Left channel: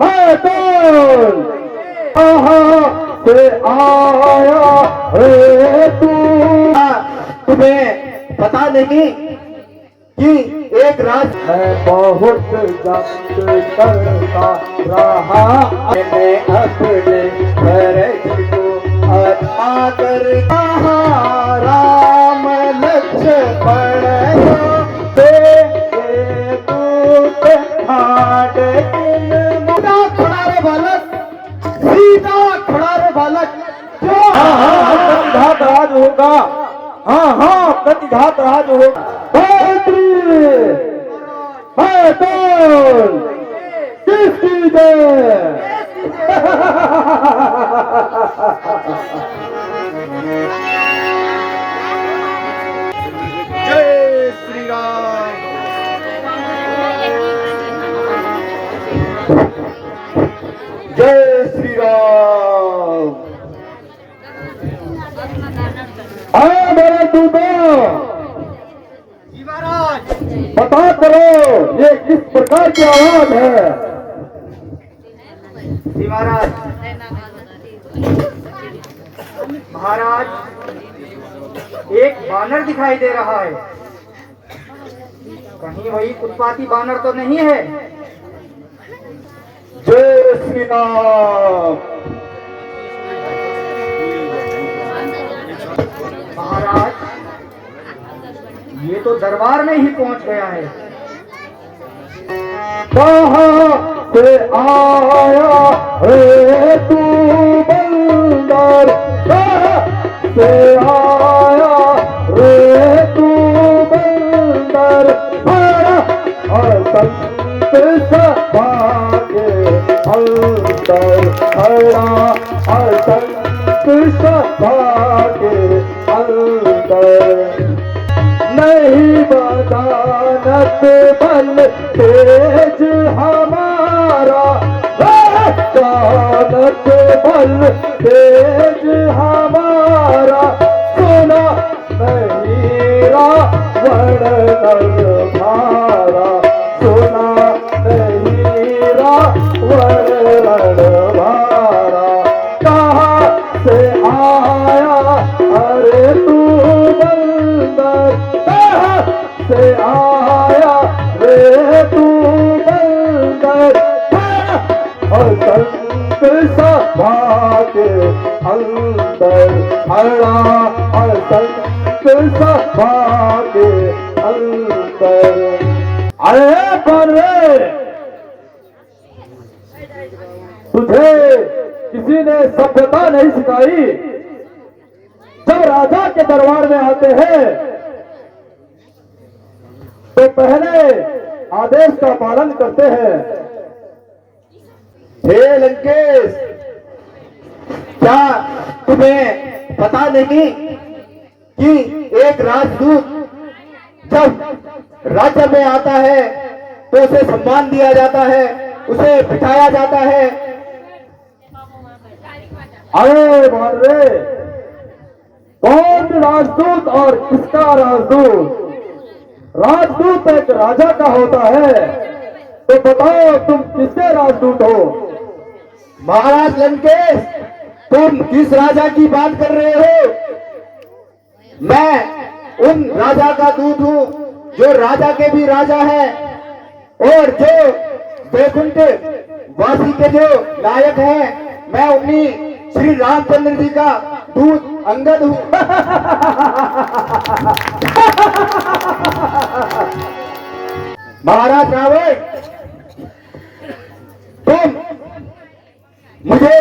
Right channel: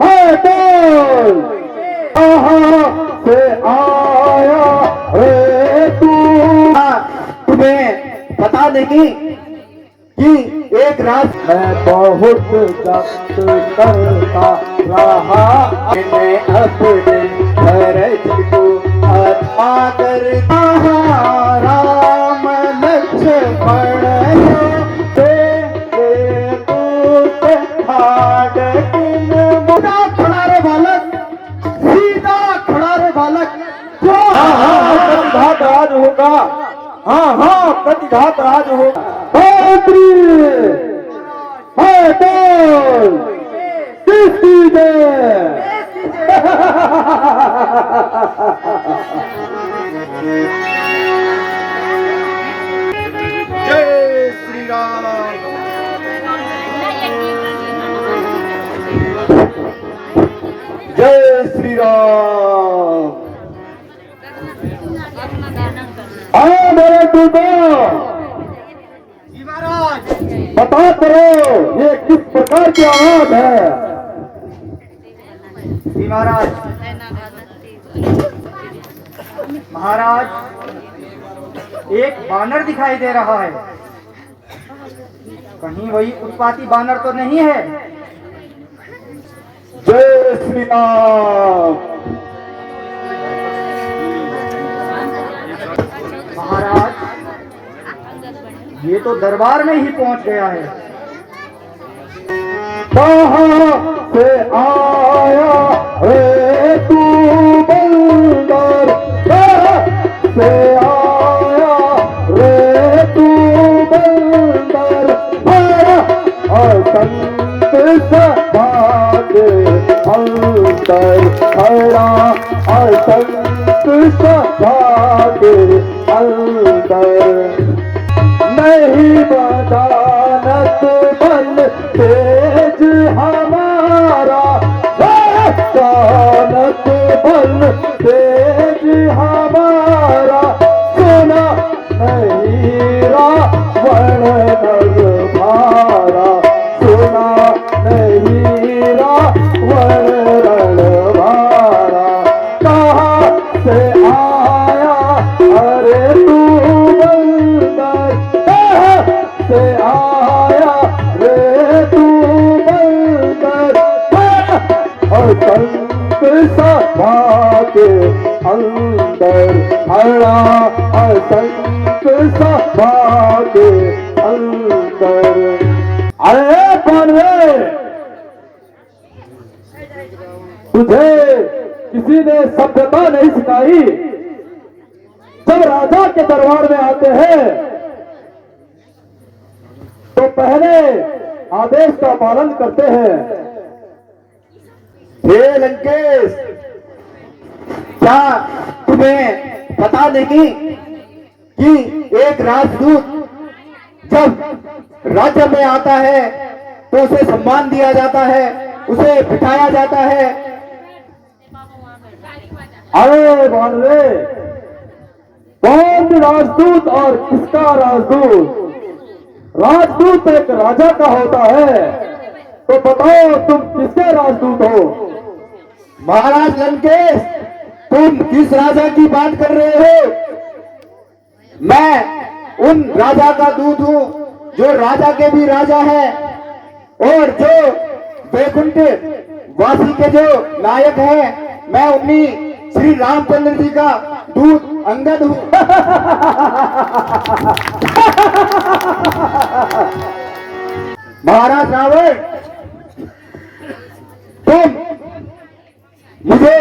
है कौन से आया है तू? तुम्हें पता नहीं कि एक रात है बहुत जब्त करता रहा मैंने अपने फर्ज को अदा करता। राम लक्ष्मण हाँ हाँ प्रतिघात राज होगा। है कौन किसकी जय? जय श्री राम। जय श्री राम। मेरे टूटो महाराज बता करो ये किस प्रकार की आवाज है? महाराज महाराज एक बानर दिखाई दे रहा है। कहीं वही उत्पाती बानर तो नहीं है? जय श्री राम। महाराज ये तो दरबार में ही पहुंच गया है। कहाँ से आया है तू बंदर? कहाँ से आया रे तू बंदर? बड़ा असंत सभागे अंतर खड़ा असंत सभागे अंतर नहीं बदानत बल तेज हमारा बदानत बल तेज हमारा सुना नहीं रावण रणभारा सुना नहीं रावण रणभारा। कहाँ से आया अरे तू बंदर? से आया रे तू बंदर? और संत सभा के अंदर खड़ा और संत सभा के अंदर। अरे बने तुझे किसी ने सभ्यता नहीं सिखाई? जब राजा के दरबार में आते हैं तो पहले आदेश का पालन करते हैं। हे लंकेश, क्या तुम्हें पता नहीं कि एक राजदूत जब राज्य में आता है तो उसे सम्मान दिया जाता है, उसे बिठाया जाता है। अरे बानरे, कौन राजदूत और किसका राजदूत? राजदूत एक राजा का होता है, तो बताओ तुम किसके राजदूत हो? महाराज लंकेश, तुम किस राजा की बात कर रहे हो? मैं उन राजा का दूत हूँ जो राजा के भी राजा है और जो वैकुंठ वासी के जो नायक हैं। मैं उन्हीं श्री रामचंद्र जी का दूत अंगद हूँ। महाराज रावण, तुम मुझे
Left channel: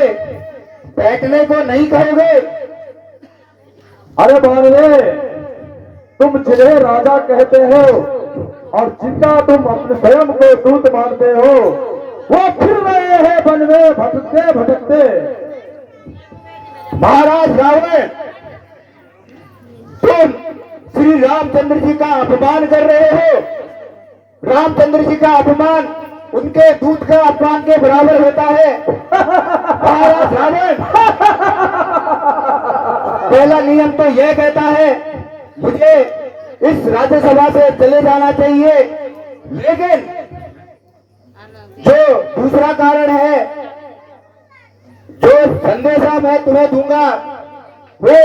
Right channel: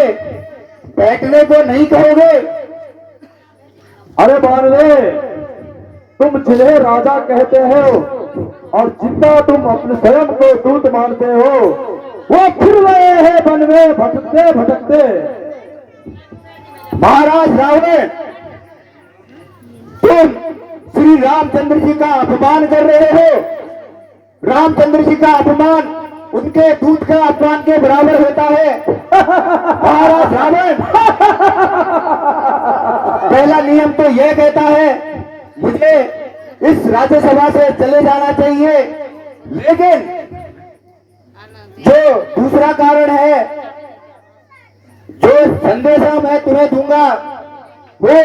बैठने को नहीं कहोगे? अरे बानरे, तुम जिन्हें राजा कहते हो और जितना तुम अपने स्वयं को दूत मानते हो, वो फिर रहे हैं वन में भटकते भटकते। महाराज रावण, तुम श्री रामचंद्र जी का अपमान कर रहे हो। रामचंद्र जी का अपमान उनके दूत का अपमान के बराबर होता है। महाराज रावण, पहला नियम तो यह कहता है मुझे इस राज्यसभा से चले जाना चाहिए, लेकिन जो दूसरा कारण है, जो संदेशा मैं तुम्हें दूंगा वो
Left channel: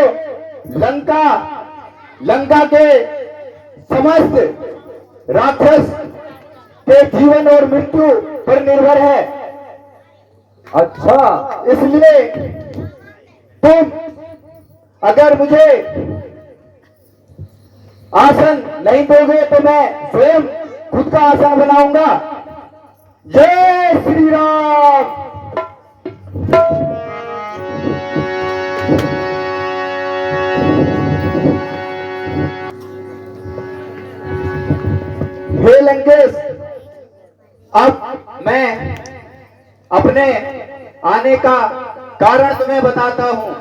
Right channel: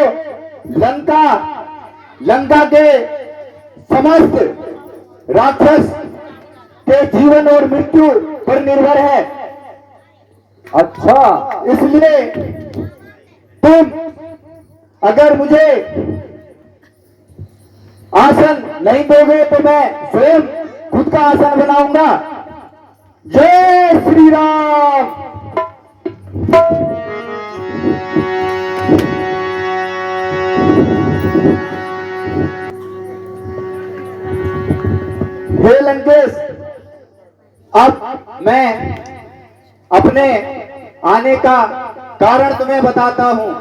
लंका के समस्त राक्षस के जीवन और मृत्यु पर निर्भर है। अच्छा, इसलिए तुम अगर मुझे आसन नहीं दोगे तो मैं स्वयं खुद का आसन बनाऊंगा। जय श्री राम। हे लंकेश, अब मैं अपने आने का कारण तुम्हें बताता हूं।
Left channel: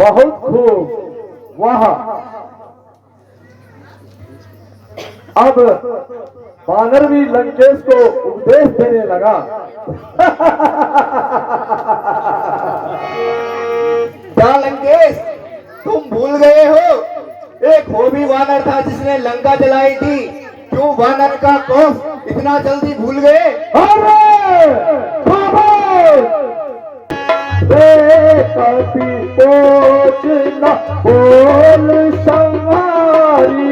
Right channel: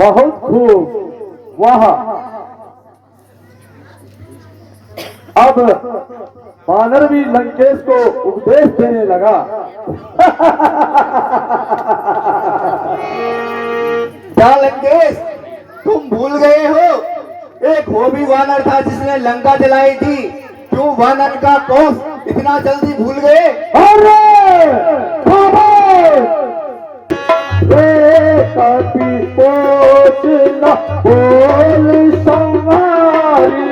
बहुत खूब। वाह, अब वानर भी लंकेश को उपदेश देने लगा। क्या लंकेश, तुम भूल गए हो? एक वो भी वानर था जिसने लंका जलाई थी। क्यों वानर का कौश इतना जल्दी भूल गए? कभी सोच न बोल संवारी,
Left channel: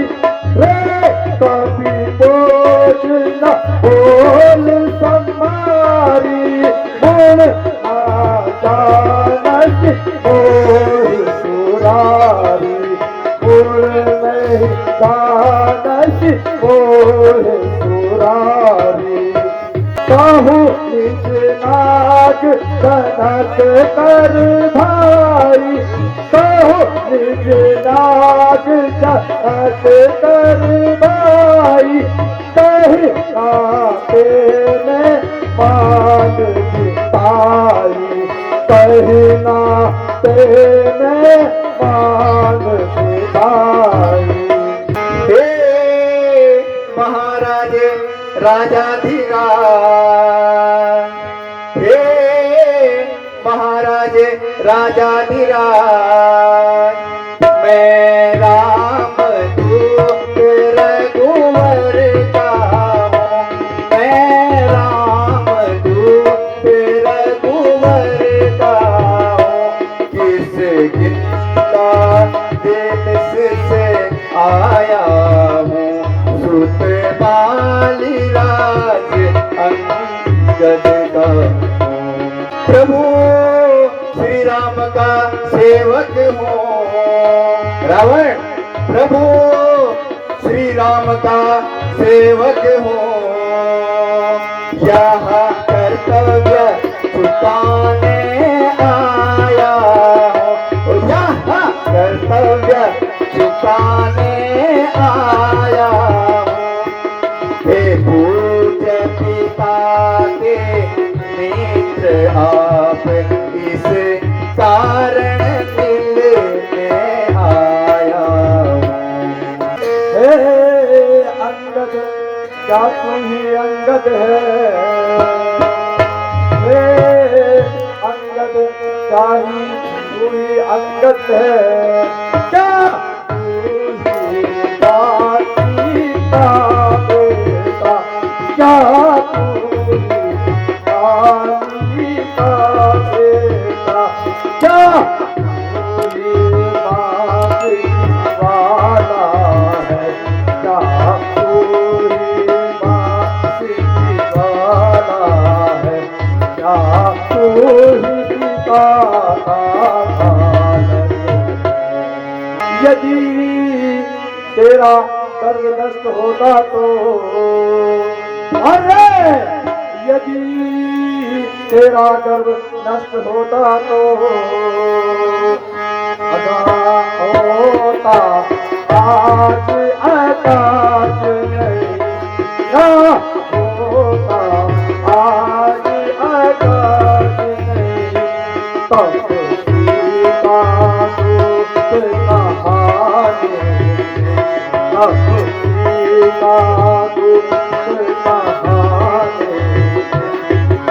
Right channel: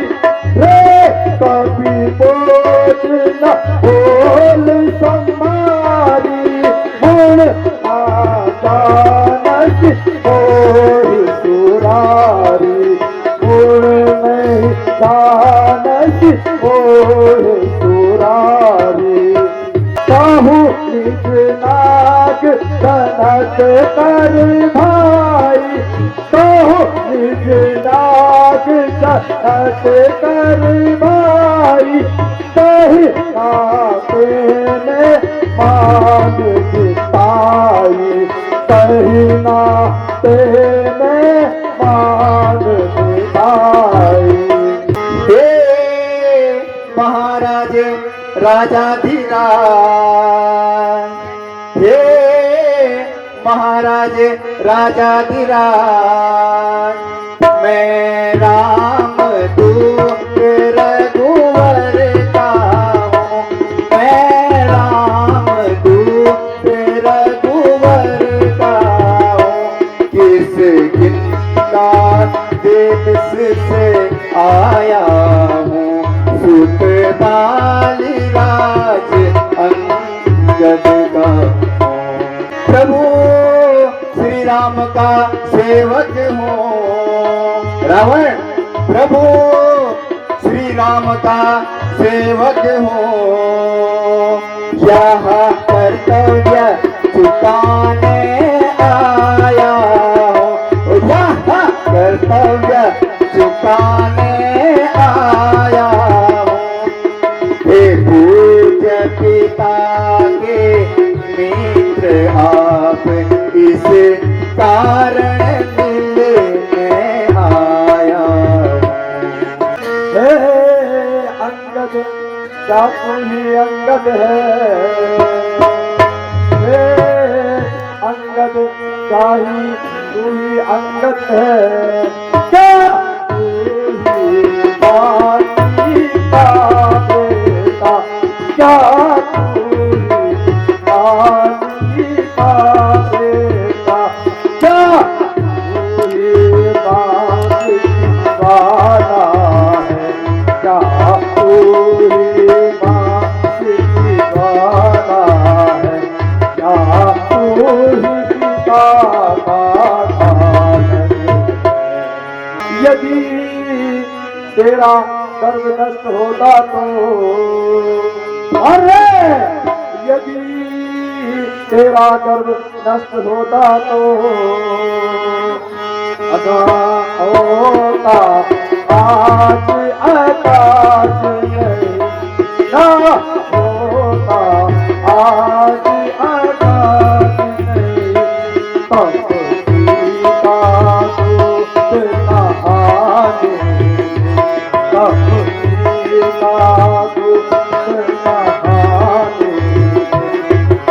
कभी सोच न बोल संवारी, गुण आचानक बोल सुरारी, गुण नहीं जानक बोल सुरारी, कहूँ निज नाग कनक कर भाई, कहूँ निज नाग कनक कर भाई, कहीं नाते में मान जिताई, कहीं नाते में मान जिताई। हे महाराजे राजाधिराज, हे महाराजे राजाधिराज, मैं राम दूत रघुवर का हूँ, मैं राम दूत रघुवर का हूँ, किस गिंदा देश से आया हूँ, सुत बाली राज अंगद का प्रभु श्री राम का सेवक हूँ। रावण, प्रभु श्री राम का सेवक हूँ, यह कर्तव्य चुकाने आया हूँ, यह कर्तव्य चुकाने आया हूँ। हे पूज्य पिता के मित्र आप, इस कारण मिलने आया हूँ। हे अंगद, क्या तू ही अंगद है? हे अंगद, क्या ही तू ही अंगद अंगद है क्या तू ही बानी का बेटा क्या तू ही बानी का बेटा क्या तू ही बानी वाला है क्या तू ही बानी वाला है क्या तू ही यदि तेरा कर्म नष्ट होता तो अरे यदि तेरा गर्व नष्ट होता तो अदा होता आज आकाश नहीं ना होता आज आकाश नहीं तब सीता दूत कहानी तब सीता दूत कहानी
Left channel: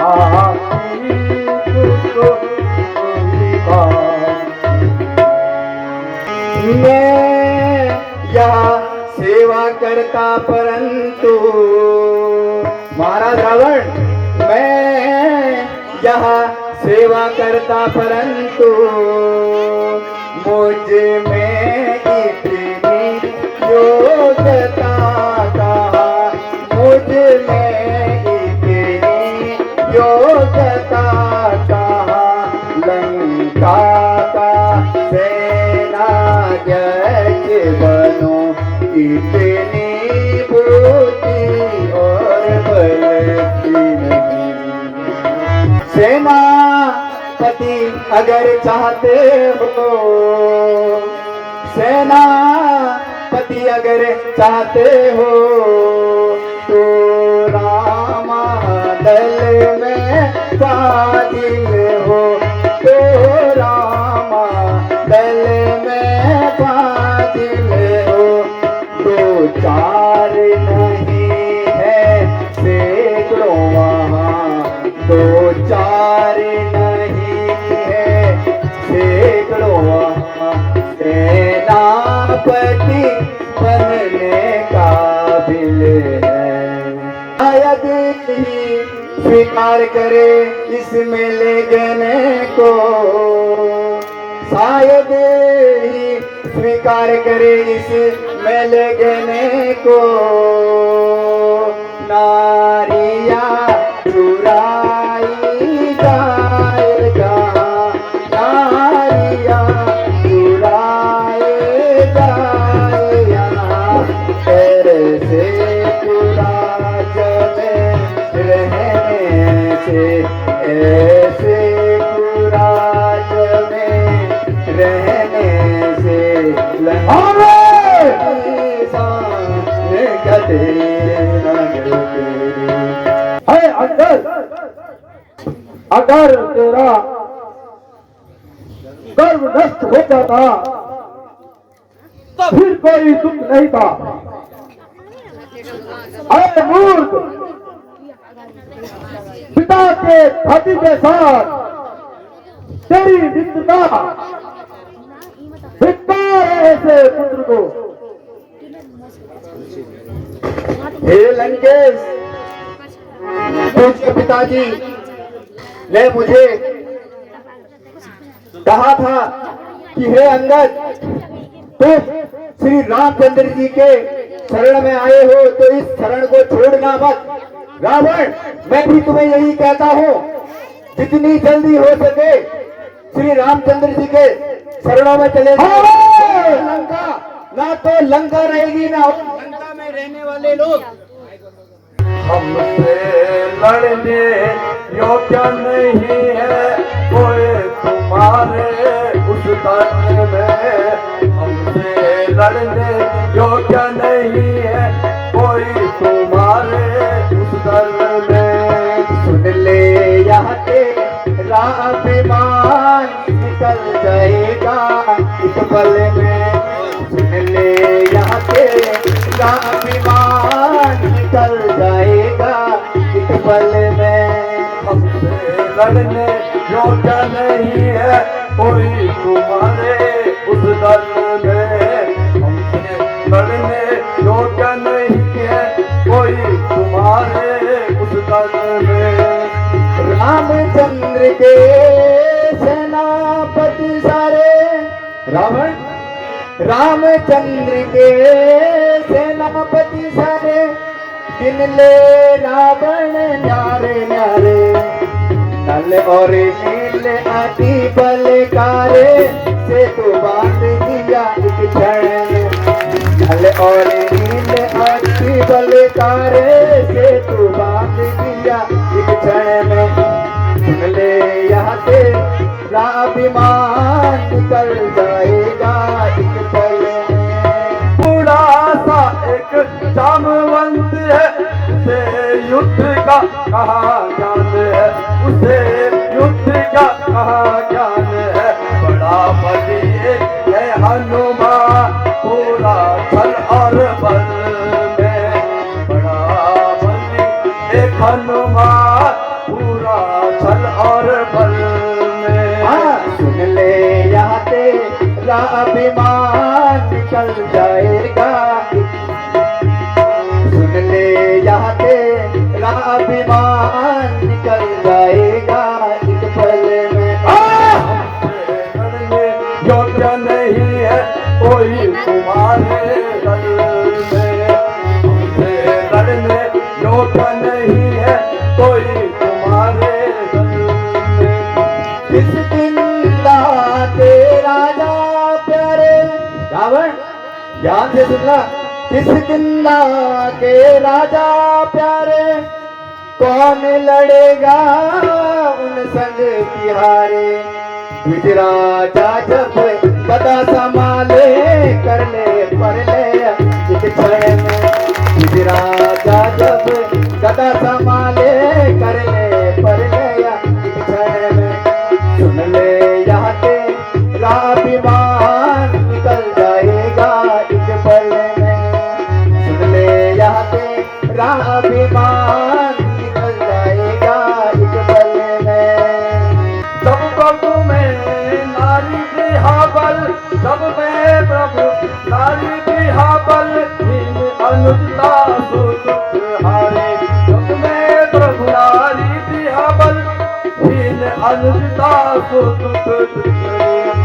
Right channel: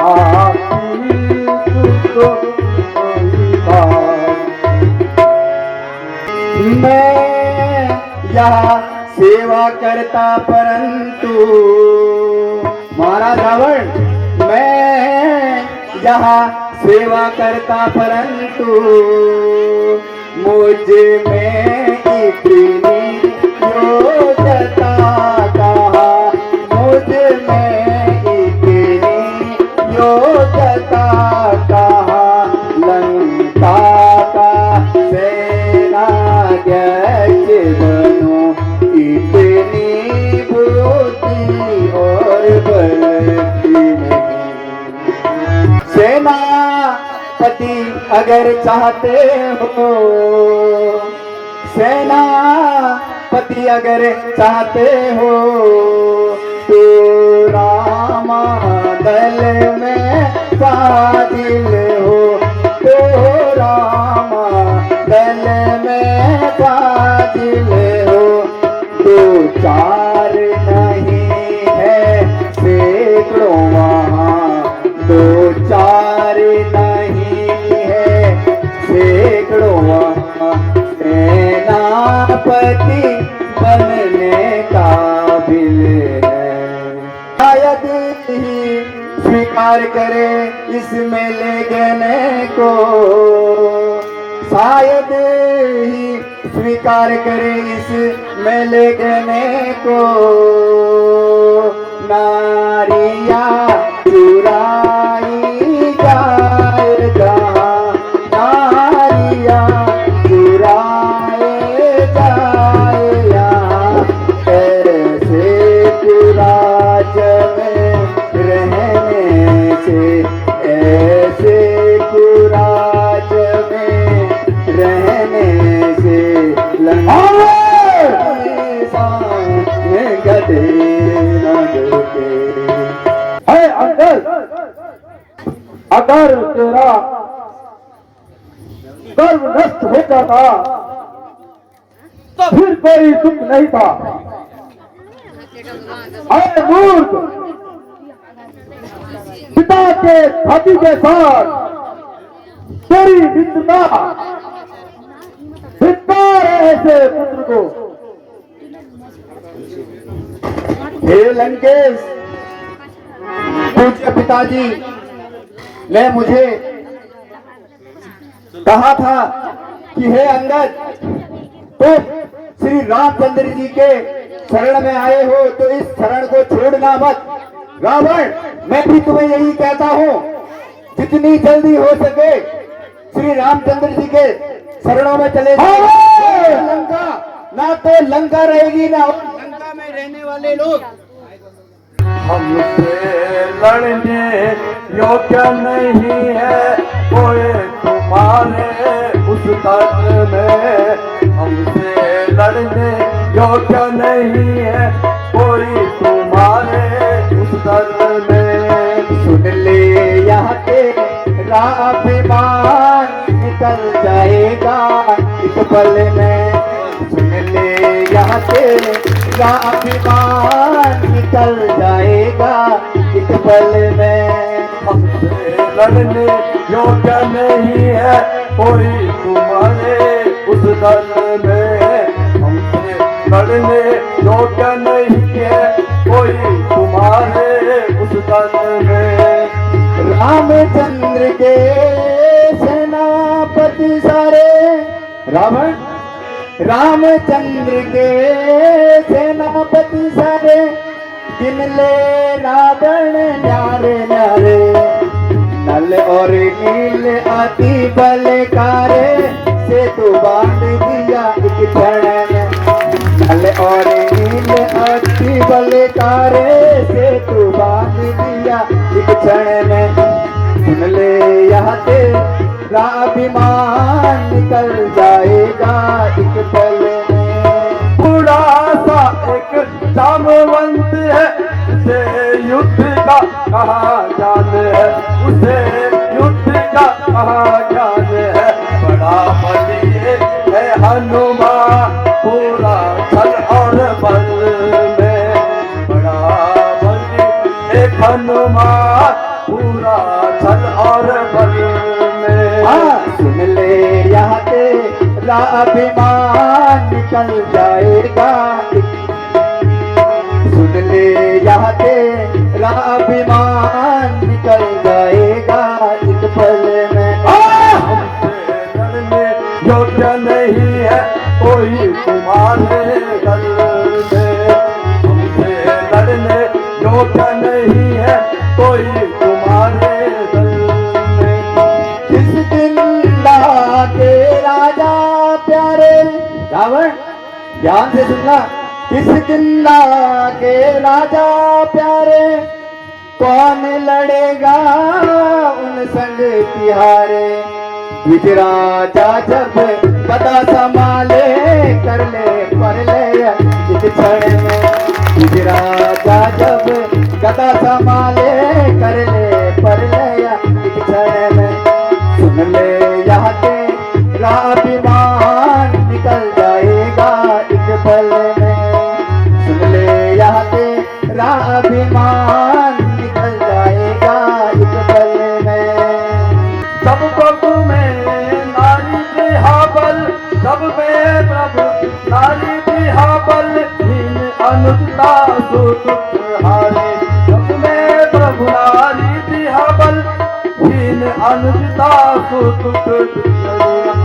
आती तुझको मैं यहाँ सेवा करता परंतु महाराज रावण मैं यहाँ सेवा करता परंतु मुझ में इतनी योग्यता कहाँ मुझ में इतनी योग्यता कहाँ लंका का सेनाध्यक्ष बनूं इतनी बुद्धि और बल की नहीं सेनापति अगर चाहते हो सेनापति अगर चाहते हो तो रामा दल में फाजिल हो तो रामा दल में फाजिल हो दो चार नहीं है सैकड़ों वहाँ दो चार नहीं है सैकड़ों वहाँ सेनापति बनने काबिल है शायद ही स्वीकार करे इसमें ले गने को शायद ही स्वीकार करे इसमें ले गने को नारियां चुराई जाएगा नारियां चुराए जाएगा ऐसे कुराज में रहने से ऐसे कुराज में रहने से सामने गते है अंगद अगर तेरा गर्व नष्ट हो जाता तो फिर कोई दुख नहीं था अरे मूर्ख पिता के छाती के साथ तेरी मित्रता धिक्कार है ऐसे पुत्र को हे लंकेश पूज्य पिताजी ने मुझे कहा था कि हे अंगद तुम श्री रामचंद्र जी के शरण में आए हो तो इस शरण को छोड़ना मत रावण मैं भी तुम्हें यही कहता हूँ जितनी जल्दी हो सके श्री रामचंद्र जी के शरणों में चले जाओ लंका ना तो लंका रहेगी ना लंका में रहने वाले लोग हमसे लड़ने योग्य नहीं है कोई तुम्हारे उस दर्द में हमसे लड़ने योग्य नहीं है कोई तुम्हारे उस दर्द में सुन ले यहाँ तेरा अभिमान निकल जाएगा एक पल में सुन ले यहाँ तेरा अभिमान निकल जाएगा एक पल में हमसे लड़ने योग्य नहीं है कोई तुम्हारे रावण के सेनापति सारे, रावण रामचंद्र के सेनापति सारे, गिन ले रावण न्यारे न्यारे, नल और नील अति बलकारे, सेतु बांध दिया एक क्षण, नल और नील अति बलकारे, सेतु बांध दिया एक क्षण में। सुन ले यहाँ तेरा अभिमान निकल जाएगा एक पल में। बूढ़ा सा एक जामवंत है, उसे युद्ध का कहा ज्ञान है, उसे युद्ध का कहा ज्ञान है। बड़ा बली है हनुमान, पूरा छल और बल में। बड़ा बली है हनुमान, पूरा छल और बल में। सुन ले यहाँ तेरा अभिमान निकल जाएगा, सुन ले यहाँ तेरा अभिमान निकल जाएगा एक पल में। लड़ने योग्य नहीं है कोई तुम्हारे दल में, तुमसे लड़ने योग्य नहीं है कोई तुम्हारे दल में। किस दिन के राजा प्यारे, रावण ध्यान से सुनना, किस किन्ना के राजा प्यारे, कौन लड़ेगा उन संग तिहारे। द्विज राजा जब गदा संभाले, कर ले पर ले एक क्षण में। द्विज राजा जब गदा संभाले, कर ले पर ले एक क्षण में। सुन ले यहाँ तेरा अभिमान निकल जाएगा एक पल में। सुन ले यहाँ तेरा अभिमान निकल जाएगा एक पल में। जब प्रभु में नारी बिहाबल, जब में प्रभु नारी बिहाबल, हीन अनुजता सुतुहारी। जब में प्रभु नारी बिहाबल, हीन अनुजता सुतुहारी।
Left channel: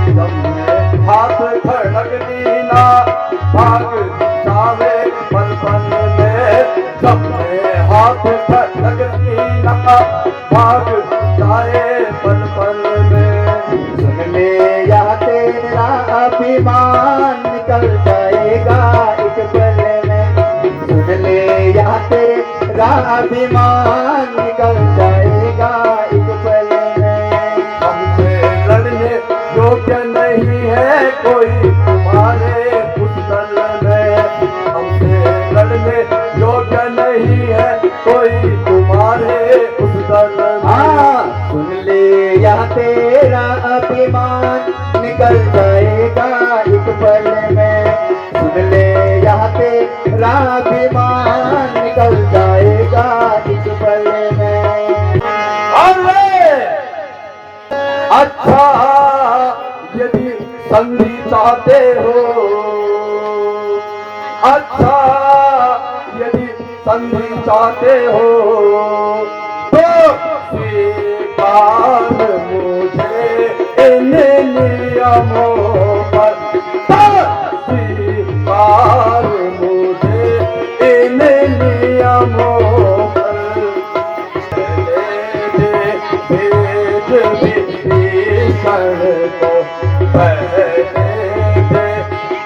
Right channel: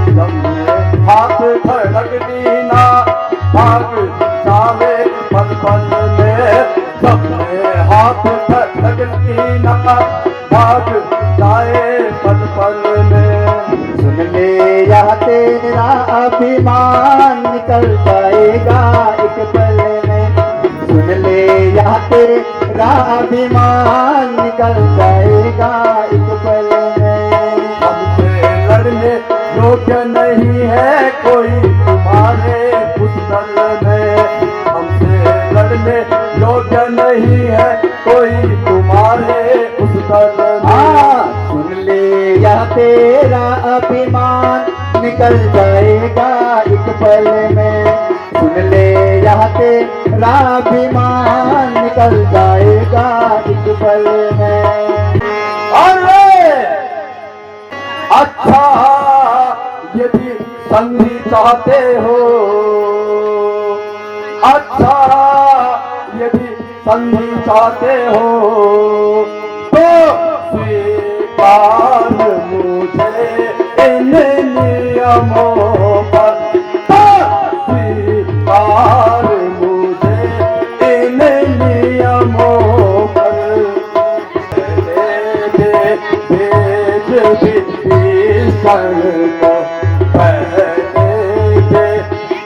जब में हाथ खड़क दीना, भाग जावे पल पल में। जब में हाथ खड़क दीना, भाग जाए पल पल में। सुन ले यहाँ तेरा अभिमान निकल जाएगा एक पल में। सुन ले यहाँ तेरा अभिमान निकल जाएगा एक पल में। हमसे लड़ने योग्य नहीं है कोई तुम्हारे उस दल में, हमसे लड़ने योग्य नहीं है कोई तुम्हारे उस दल में। सुन ले यहाँ तेरा अभिमान निकल जाएगा एक पल में। सुन ले यहाँ तेरा अभिमान निकल जाएगा एक पल में। अरे अच्छा यदि संधि चाहते हो, अच्छा यदि संधि चाहते हो, तो स्वीकार मुझे इन नियमों पर, तो स्वीकार मुझे इन नियमों पर। भेज विभीषण को पहले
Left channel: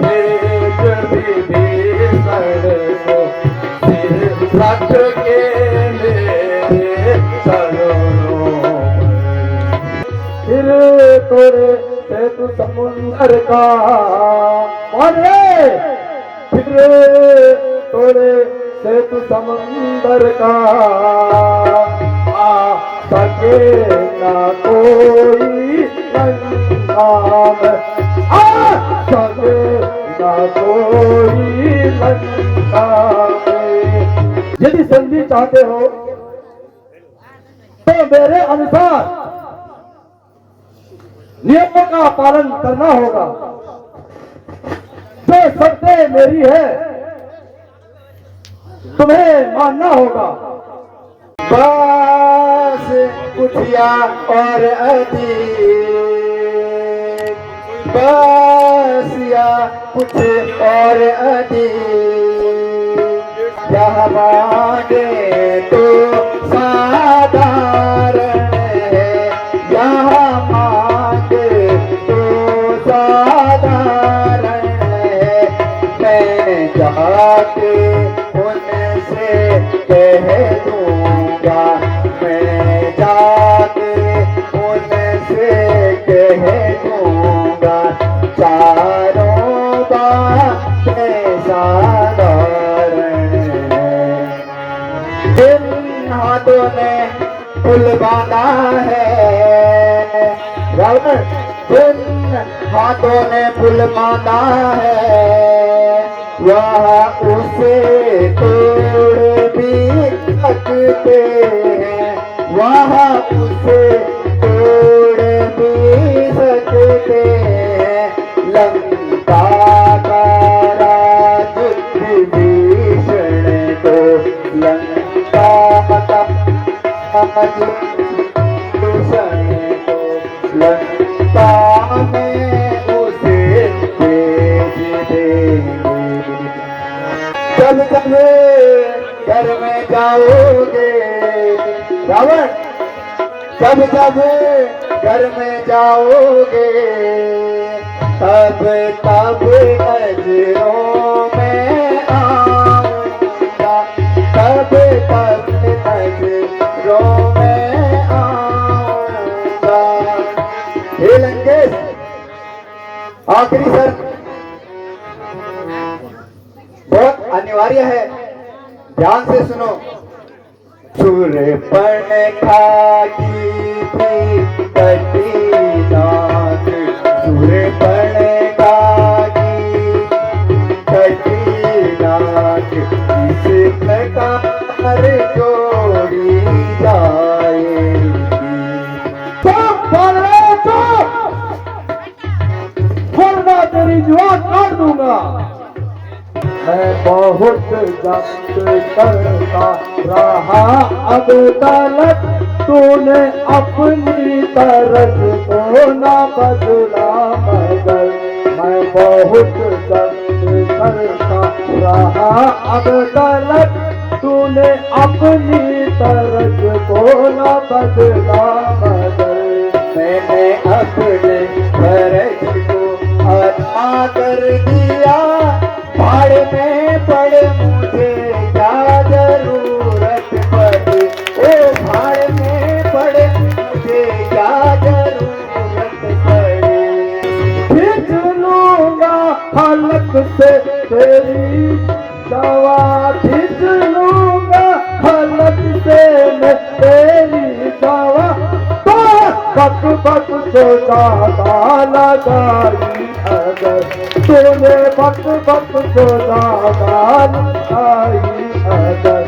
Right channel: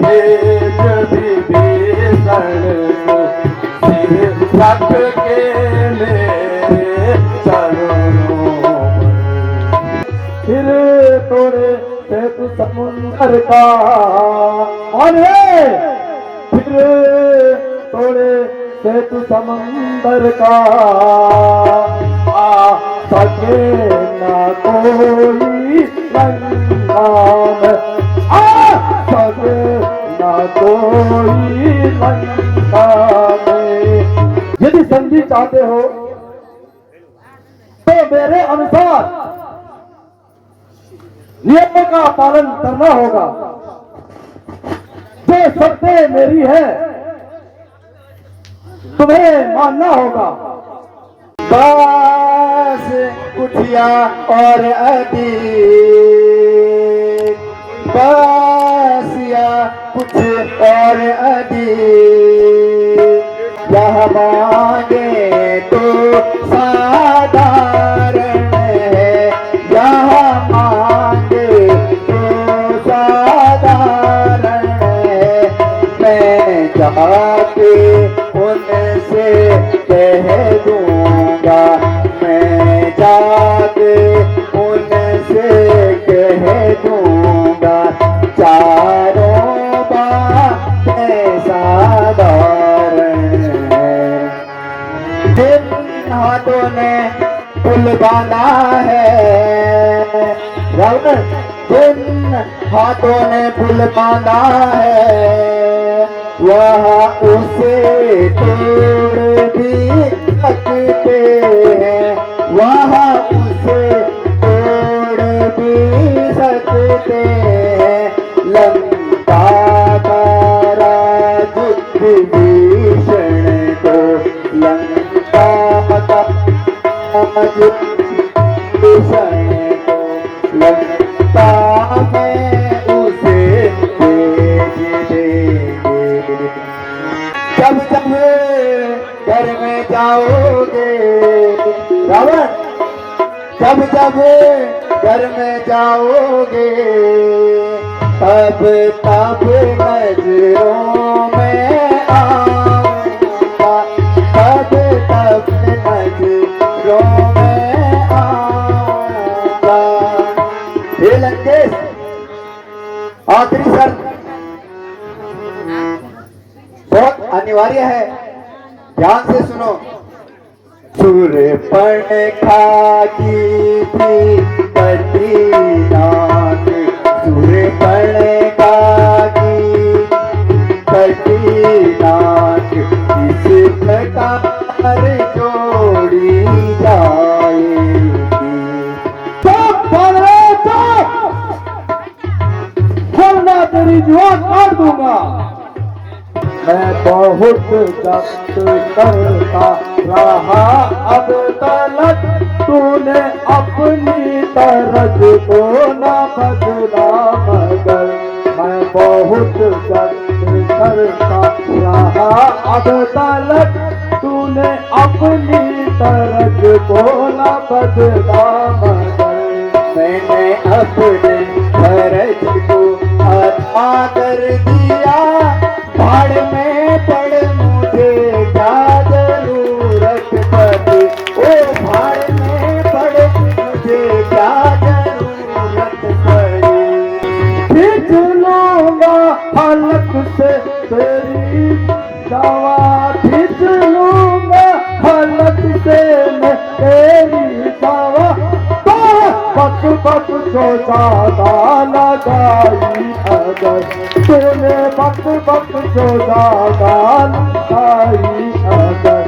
भेज विभीषण को, सिर सत्र के मेरे चरणों में। फिर तोड़े सेतु समुंदर का, और फिर तोड़े सेतु समुंदर का, आ सके न कोई लंका में, आ सके न कोई लंका में। यदि संधि चाहते हो तो मेरे अनुसार नियमों का पालन करना होगा। जो शर्तें मेरी है तुम्हें मानना होगा। बस कुछ बसिया और अधिक, बसिया कुछ और अधिक, यह मांगे तो साधारण है, यह मांगे तो साधारण है, मैं जाके उनसे कह दूंगा, मैं जाके उनसे कह दूंगा, चारों बातें साधारण है। जिन हाथों ने पुल बांधा है रावण, जिन हाथों ने पुल बांधा है, वह उसे तोड़ भी सकते हैं, वह उसे तोड़ भी सकते हैं। लंका का राज विभीषण को, लंका का राज विभीषण को, लंका में उसे भेज देंगे। जब जब घर में जाओगे रावण, जब जब घर में जाओगे, तब तब नजरों में आऊंगा, तब तब नजरों में आऊंगा। हे लंकेश, आखिरी शर्त बहुत अनिवार्य है, ध्यान से सुनो। शूर्पणखा की थी कटी नाक, शूर्पणखा की कटी नाक, इस प्रकार जोड़ी जाएगी। चुप कर रे, चुप, वरना तेरी जुबान काट दूंगा। मैं बहुत जब्त करता रहा अब तलक, तूने अपनी तरफ को न बदला मगर। मैं बहुत जब्त करता रहा अब तलक, तूने अपनी तरफ को न बदला मगर। मैंने अपने फर्ज को अदा कर दिया, भाड़ में पड़ मुझे क्या जरूरत पड़ी, ओ भाड़ में पड़ मुझे क्या जरूरत पड़ी। खींच लूंगा हलक से तेरी दवा, खींच लूंगा हलक से मैं तेरी दवा। बक बक चौधा लगाई अगर, तेरे बक बक चौधा लगाई अगर।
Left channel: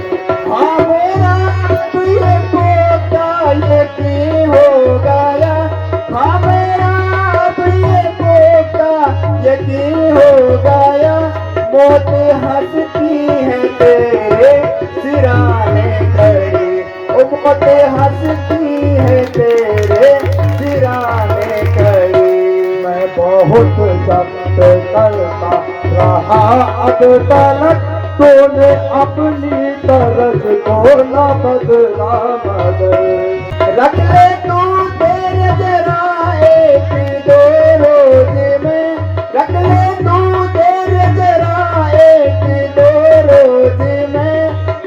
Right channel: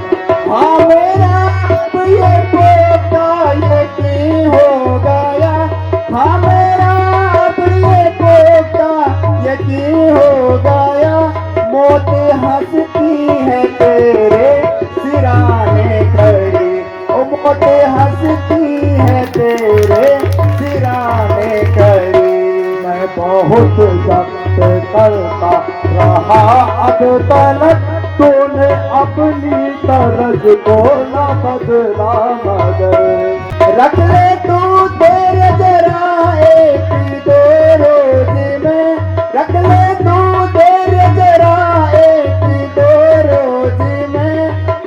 हाँ मेरा अब ये पोता यकीन हो गया, हाँ मेरा अब ये पोता यकीन हो गया। मौत हंसती है तेरे सिराने खड़ी, ओ मौत हंसती है तेरे सिराने खड़ी। मैं बहुत जब्त करता रहा अब तलक, तूने अपनी तरज को न बदला मगर। रख ले तू तेरे जरा एक दो रोज में, रख ले तू तेरे जरा एक दो रोज में,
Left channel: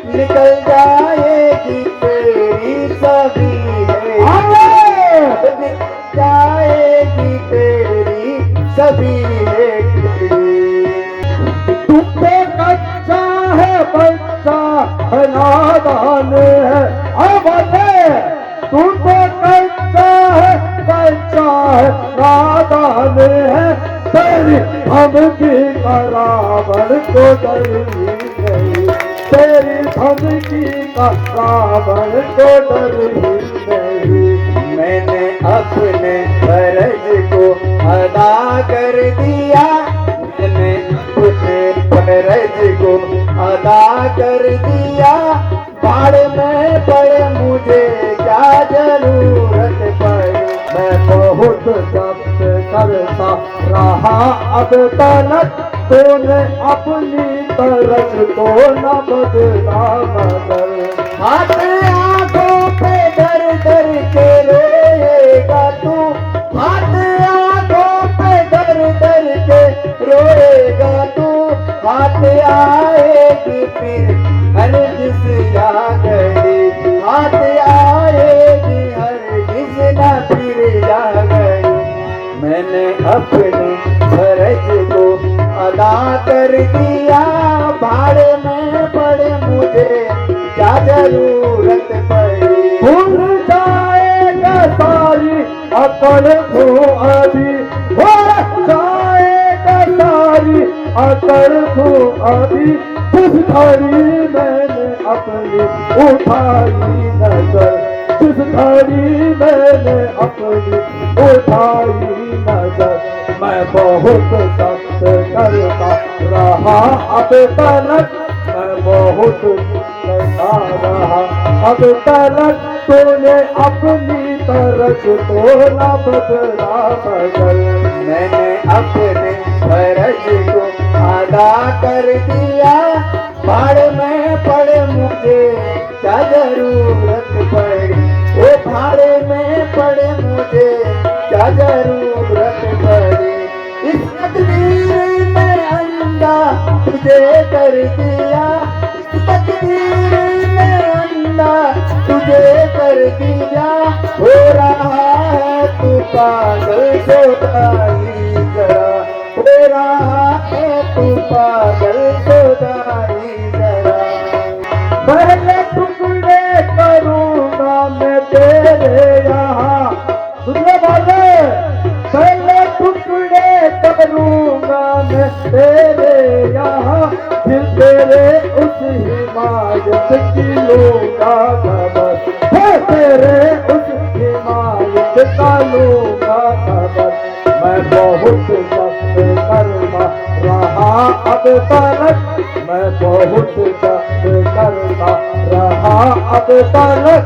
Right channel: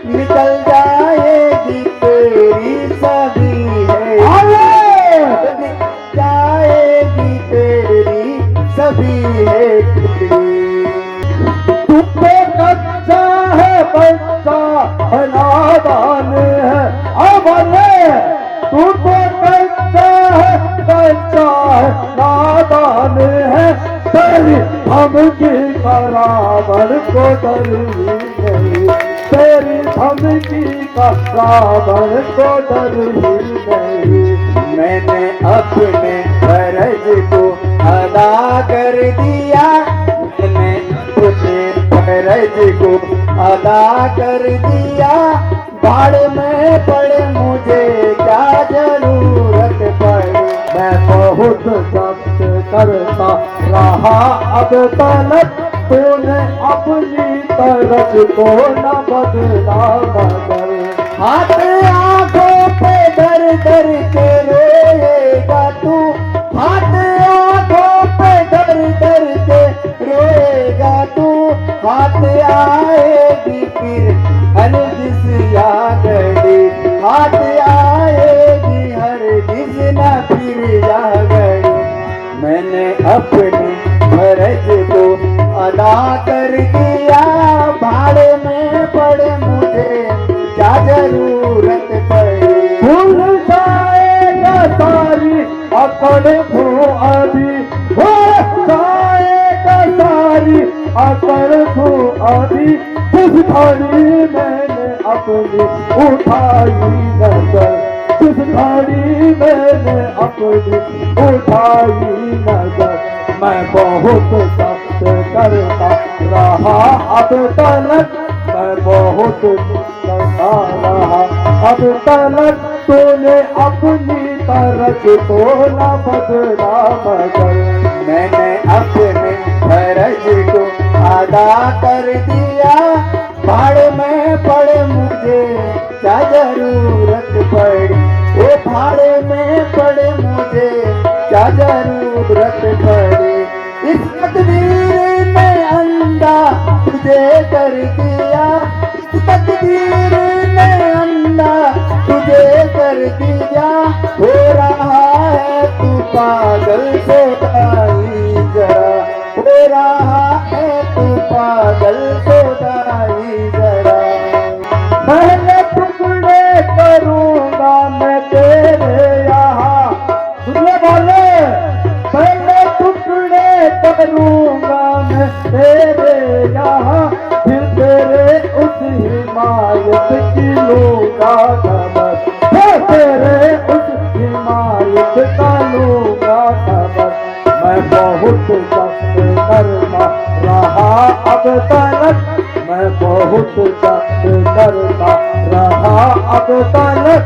निकल जाएगी तेरी सभी है, निकल जाएगी तेरी सभी है। तू तो कच्चा है बच्चा है, नादान है अबले। तू तो कच्चा है बच्चा है, नादान है। तेरी धमकी का रावण को डर ही नहीं, तेरी धमकी का रावण को डर ही नहीं। मैंने अपने फर्ज को अदा कर दिया, मैंने अपने फर्ज को अदा कर दिया, भाड़ में पड़ मुझे क्या जरूरत को न बदला मगर। हाथ आंखों पे धर धर के रोएगा तू, हाथ आंखों पे धर धर के रोएगा तू, हाथ आएगी फिर हर जिस या घड़ी, हाथ आएगी हर जिस न फिर या घड़ी। मैंने अपने फर्ज को अदा कर दिया, भाड़े में पड़े मुझे क्या जरूरत पड़ी। भूल जाएगा सारी अकड़ को अभी, भूल जाएगा सारी अकड़ को अभी, जिस घड़ी मैंने अपनी उठाई नजर, जिस घड़ी मैंने अपनी उठाई नजर। मैं बहुत सख्त करता रहा अब तलक, मैं बहुत करता रहा अब तलक, तूने अपनी तरफ तो न बदला मगर। मैंने अपने फर्ज को अदा कर दिया, भाड़ में पड़े मुझे क्या जरूरत पड़ी, वो भाड़े में पड़े मुझे क्या जरूरत पड़ी। इस तकदीर ने अंधा तुझे कर दिया, इस तकदीर ने अंधा तुझे कर दिया, हो रहा है तू पागल सोदाई जरा, हो रहा है तू पागल सोदाई जरा। पहले टुकड़े करूंगा मैं तेरे यहाँ, सुनने वाले, पहले टुकड़े करूंगा मैं तेरे यहाँ, फिर तेरे उस हिमायत की लूंगा खबर, फिर तेरे उस हिमायत का लूंगा खबर। मैं बहुत सख्त करता रहा अब तलक, मैं बहुत सख्त करता रहा अब तलक,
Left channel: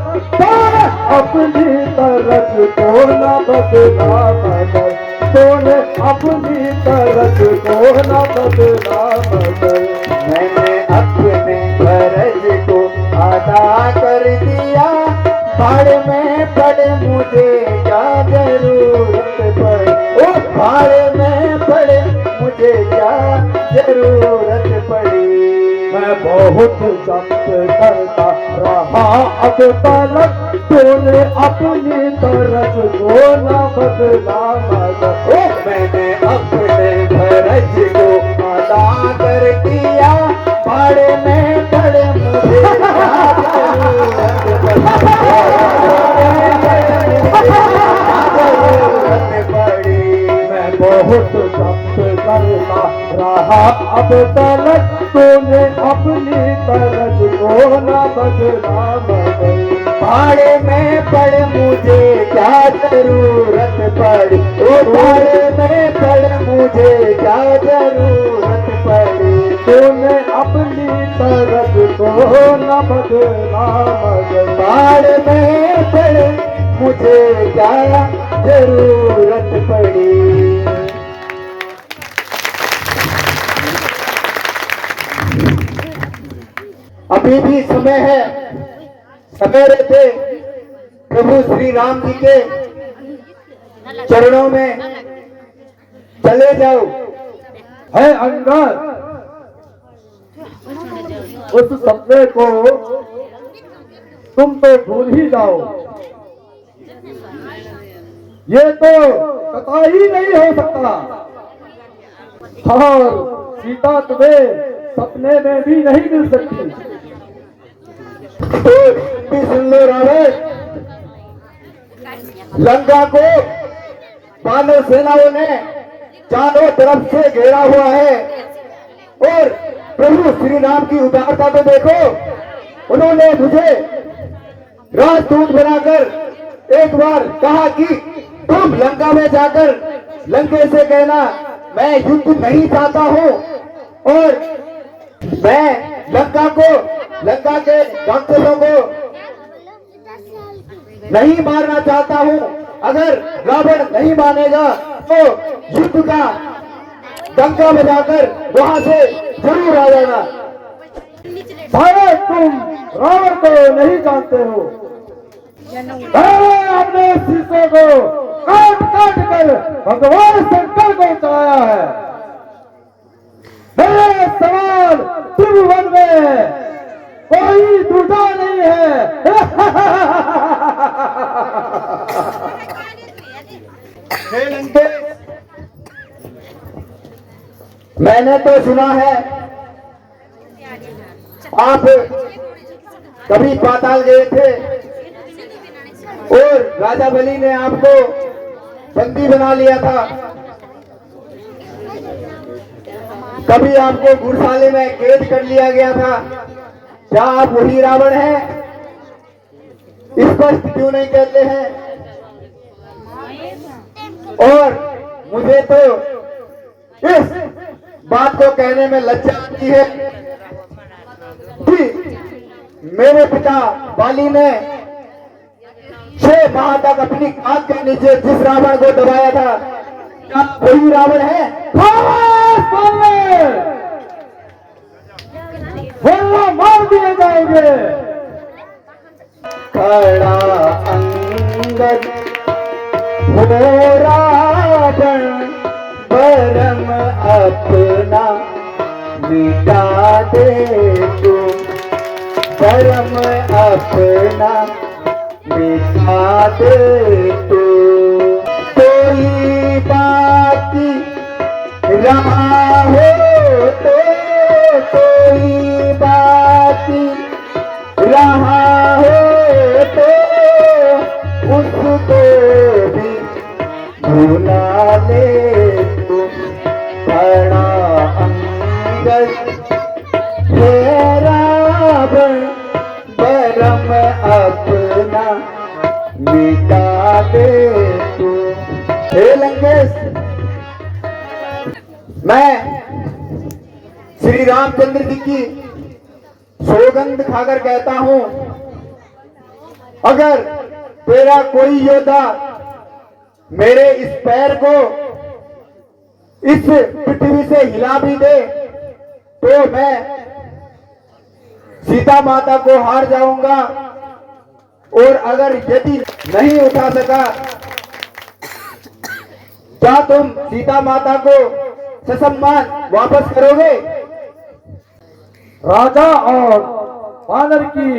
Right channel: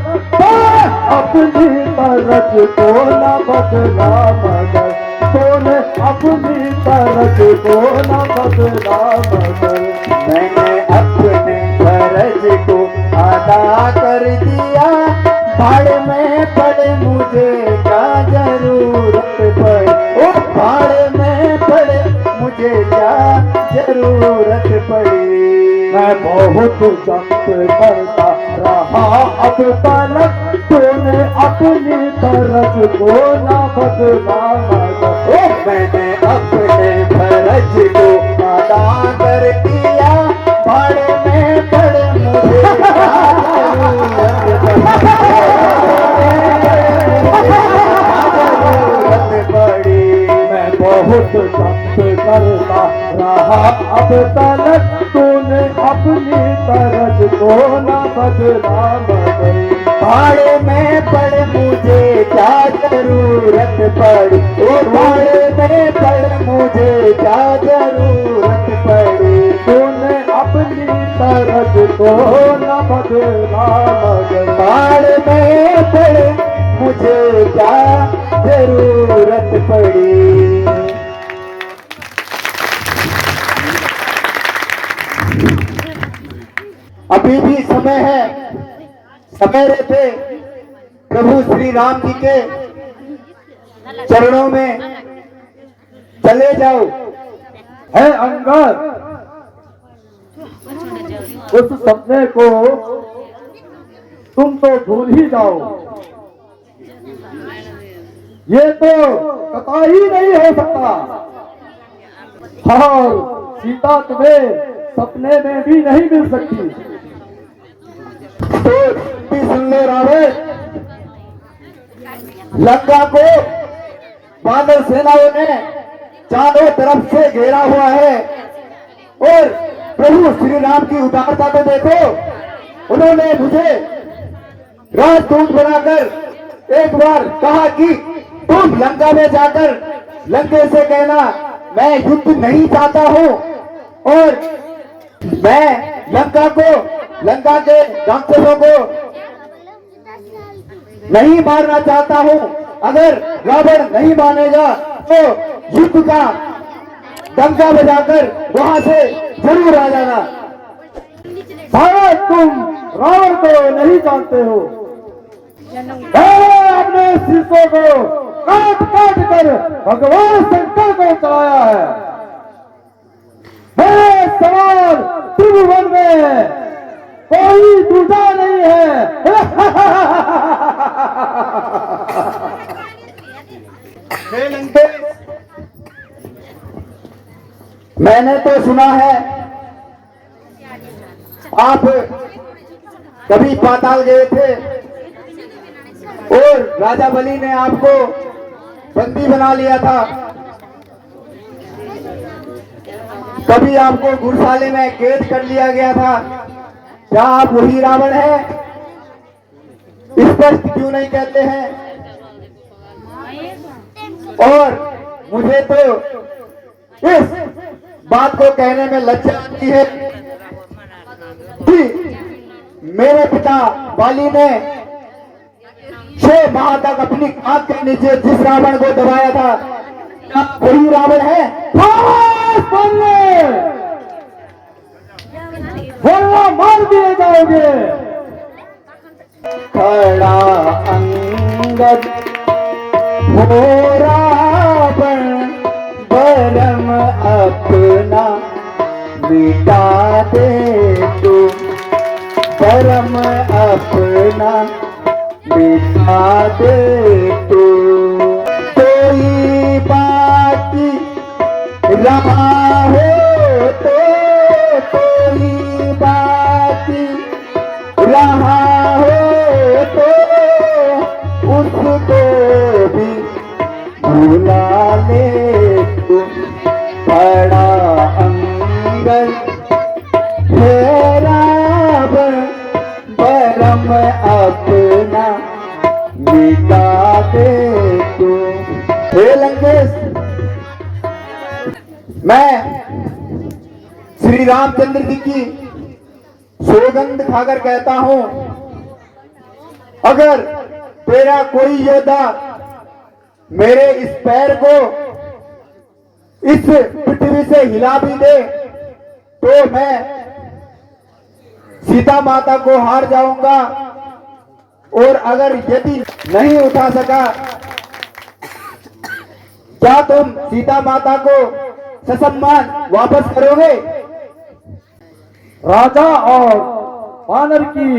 अपनी तरफ को न बदला मगर, तूने अपनी तरफ को न बदला मगर। मैंने अपने फर्ज को अदा कर दिया, भाड़ में पड़े मुझे क्या जरूरत पड़ी, ओ भाड़ में पड़े मुझे क्या जरूरत पड़ी। मैं बहुत सख्त करता रहा अब तलक, तूने अपनी तरफ को न बदला मगर। मैंने अपने फर्ज को अदा कर दिया, भाड़े में पड़े मुझे जरूरत पड़ी। मैं बहुत सख्त करता रहा अब तलक, तूने अपनी तरफ को न बदला मगर। भाड़े में पड़े मुझे क्या जरूरत पड़ी, ओ भाड़े में पड़े मुझे क्या जरूरत पड़ी। तूने अपनी तरफ को न बदला मगर। भाड़ में पड़े मुझे क्या जरूरत पड़ी। अभी भी समय है, समय रहते प्रभु श्री राम जी के चरणों में चले जाओ। है अंगद, उस सपने को तुम तो भूल ही जाओ, ये तो कतई नहीं हो सकता। और सीता तुम्हें सपने में भी नहीं मिल सकती। तो सुन लो रावण, लंका को वानर सेनाओं ने चारों तरफ से घेरा हुआ है, और प्रभु श्री राम की उदारता को देखो। उन्होंने मुझे राजदूत बनाकर एक बार कहा कि तुम लंका में जाकर लंके से कहना मैं युद्ध नहीं चाहता हूं, और मैं लंका के राक्षसों को नहीं मारना चाहता हूं। अगर रावण नहीं मानेगा तो युद्ध का डंका बजाकर वहां से जरूर आ जाना। शायद तुम रावण को नहीं जानते हो। मैंने अपने शीशों को काट काट कर भगवान शंकर को चढ़ाया है। मेरे सवाल त्रिभुवन में कोई दूसरा नहीं है। हे लंकेश, मैंने तो सुना है आप कभी पाताल गए थे और राजा बलि ने आपको बंदी बना लिया था। कभी आपको घुड़साले में कैद कर लिया गया था। क्या आप वही रावण हैं? स्पष्ट क्यों नहीं कहते हैं? और मुझे तो इस बात को कहने में लज्जा आती है कि मेरे पिता बाली ने 6 माह तक अपनी आंख के नीचे जिस रावण को दबाया था, क्या वही रावण है? वरना मार दिए जाओगे। खड़ा अंगद हो रावण, बरम अपना मिटा दे तो, बरम अपना मिटा दे तो। कोई बाकी रहा हो तो, कोई बाकी रहा हो तो, उसको भी भुला ले तुम। बड़ा अंगद हे रावण, बरम अपना मिटा दे तुम। हे लंकेश, मैं श्री रामचंद्र जी की सौगंध खाकर कहता हूं, अगर तेरा कोई योद्धा मेरे इस पैर को इस पृथ्वी से हिला भी दे तो मैं सीता माता को हार जाऊंगा। और अगर यदि नहीं उठा सका, क्या तुम सीता माता को ससम्मान वापस करोगे? राजा और वानर की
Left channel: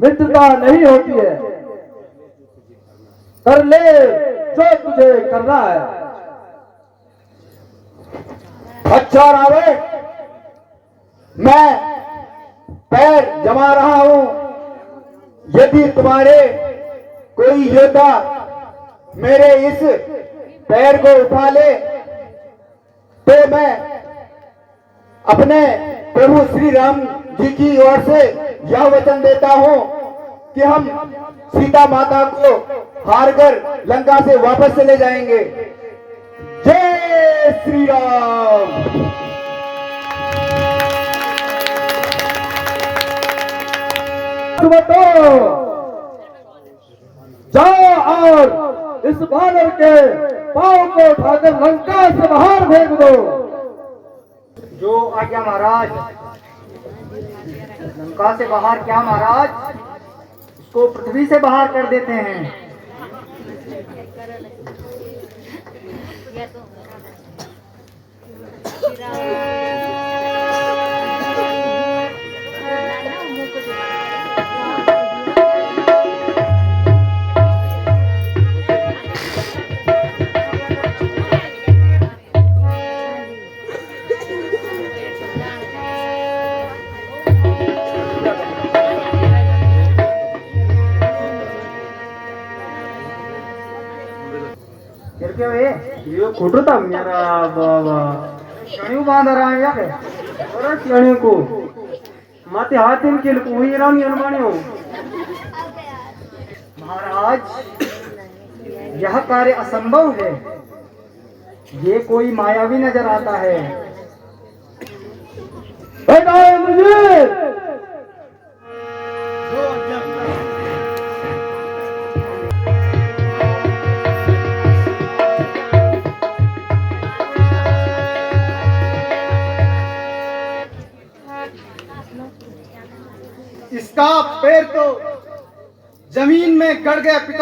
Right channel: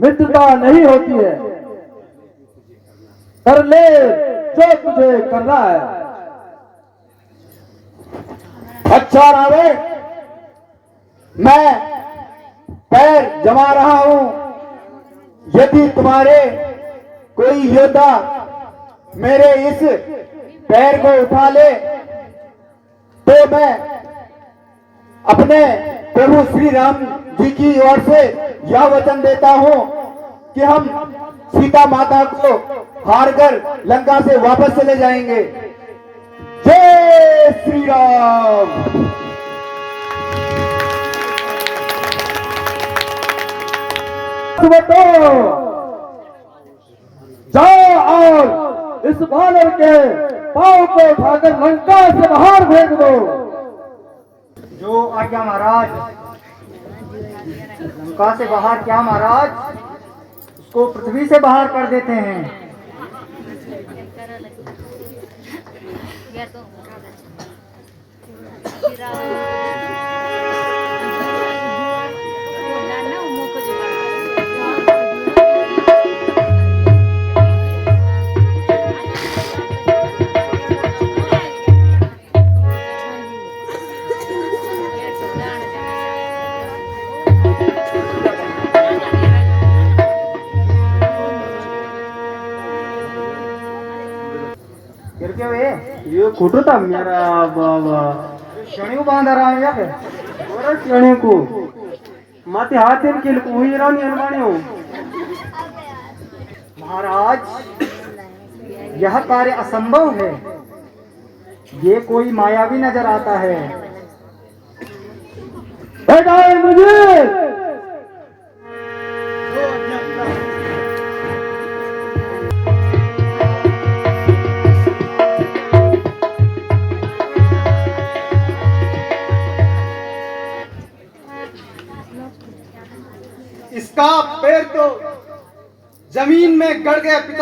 मित्रता नहीं होती है। कर ले जो तुझे करना है। अच्छा रावण, मैं पैर जमा रहा हूं। यदि तुम्हारे कोई योद्धा मेरे इस पैर को उठा ले तो मैं अपने प्रभु श्री राम जी की ओर से यह वचन देता हूं कि हम सीता माता को हार कर लंका से वापस चले जाएंगे। जय श्री राम। जाओ और इस वानर के पांव को उठाकर लंका से बाहर फेंक दो। जो आज्ञा महाराज। लंका से बाहर क्या महाराज? इसको पृथ्वी से बाहर कर देते हैं। ये फोटो था मेरा बाबा शनियों बांध रहा है यार। और कहने को माते हाथ इनके कोई रानी अलमानी हो। महाराज, यह कार्य असंभव है। ये कोई मायावी नजर आता है।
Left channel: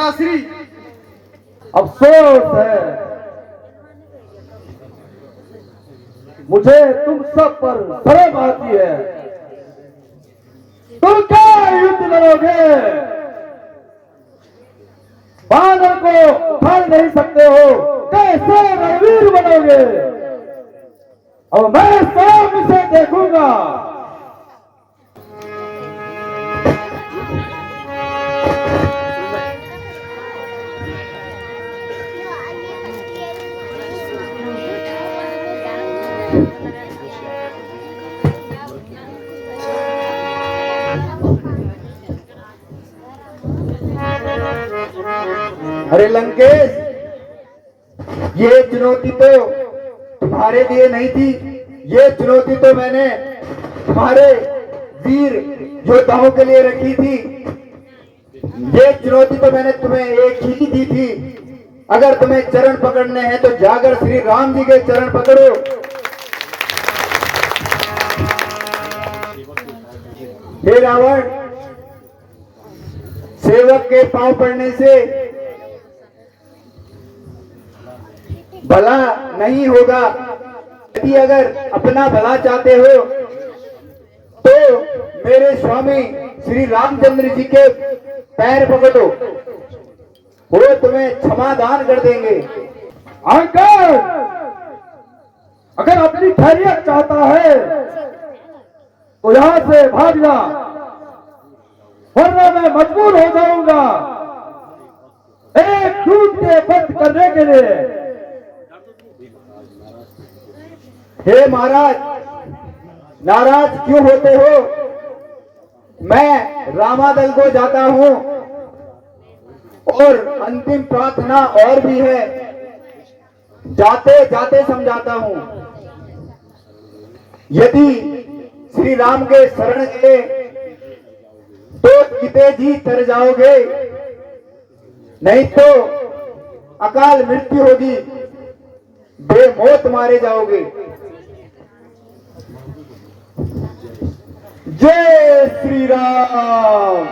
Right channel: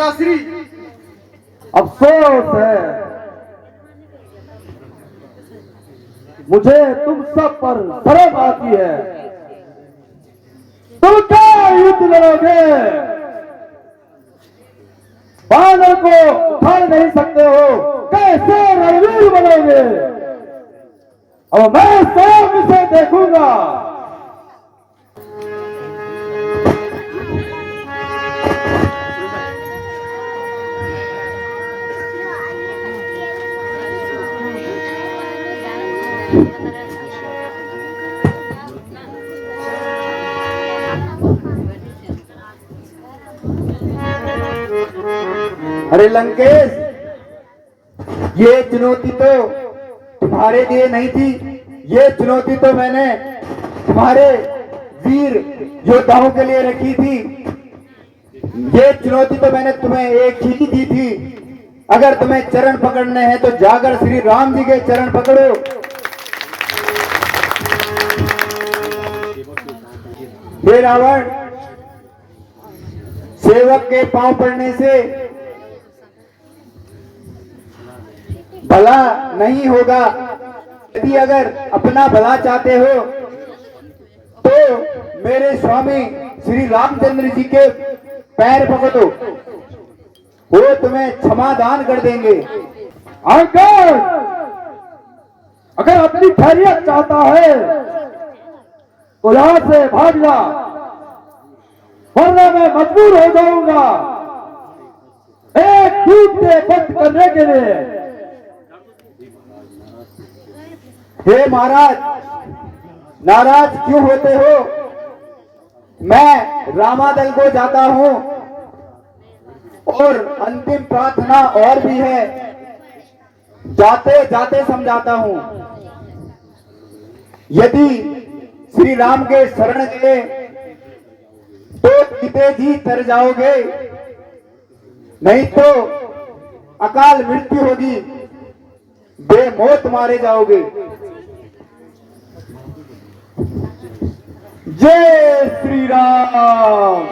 पिताश्री। अफसोस है, मुझे तुम सब पर शर्म आती है। तुम क्या युद्ध लड़ोगे? बानर को उखाड़ नहीं सकते हो, कैसे रणवीर बनोगे? और मैं स्वयं इसे देखूंगा। अरे लंकेश, ये चुनौती तो तुम्हारे लिए नहीं थी, ये चुनौती तो मैंने तुम्हारे वीर योद्धाओं के लिए रखी थी। ये चुनौती तो मैंने तुम्हें एक ही दी थी। अगर तुम्हें चरण पकड़ने हैं तो जाकर श्री राम जी के चरण पकड़ो। हे रावण, सेवक के पांव पड़ने से भला नहीं होगा। यदि अगर अपना भला चाहते हो तो मेरे स्वामी श्री रामचंद्र जी के पैर पकड़ो, वो तुम्हें क्षमादान कर देंगे। अगर अगर अपनी खैरियत चाहता है तो यहां से भाग जा, वरना मैं मजबूर हो जाऊंगा एक दूध के बंद करने के लिए। हे महाराज, नाराज क्यों होते हो? मैं रामादल को जाता हूं और अंतिम प्रार्थना और भी है, जाते जाते समझाता हूं। यदि श्री राम के शरण गए तो पिते जी तर जाओगे, नहीं तो अकाल मृत्यु होगी, बेमौत मारे जाओगे। जय श्री राम।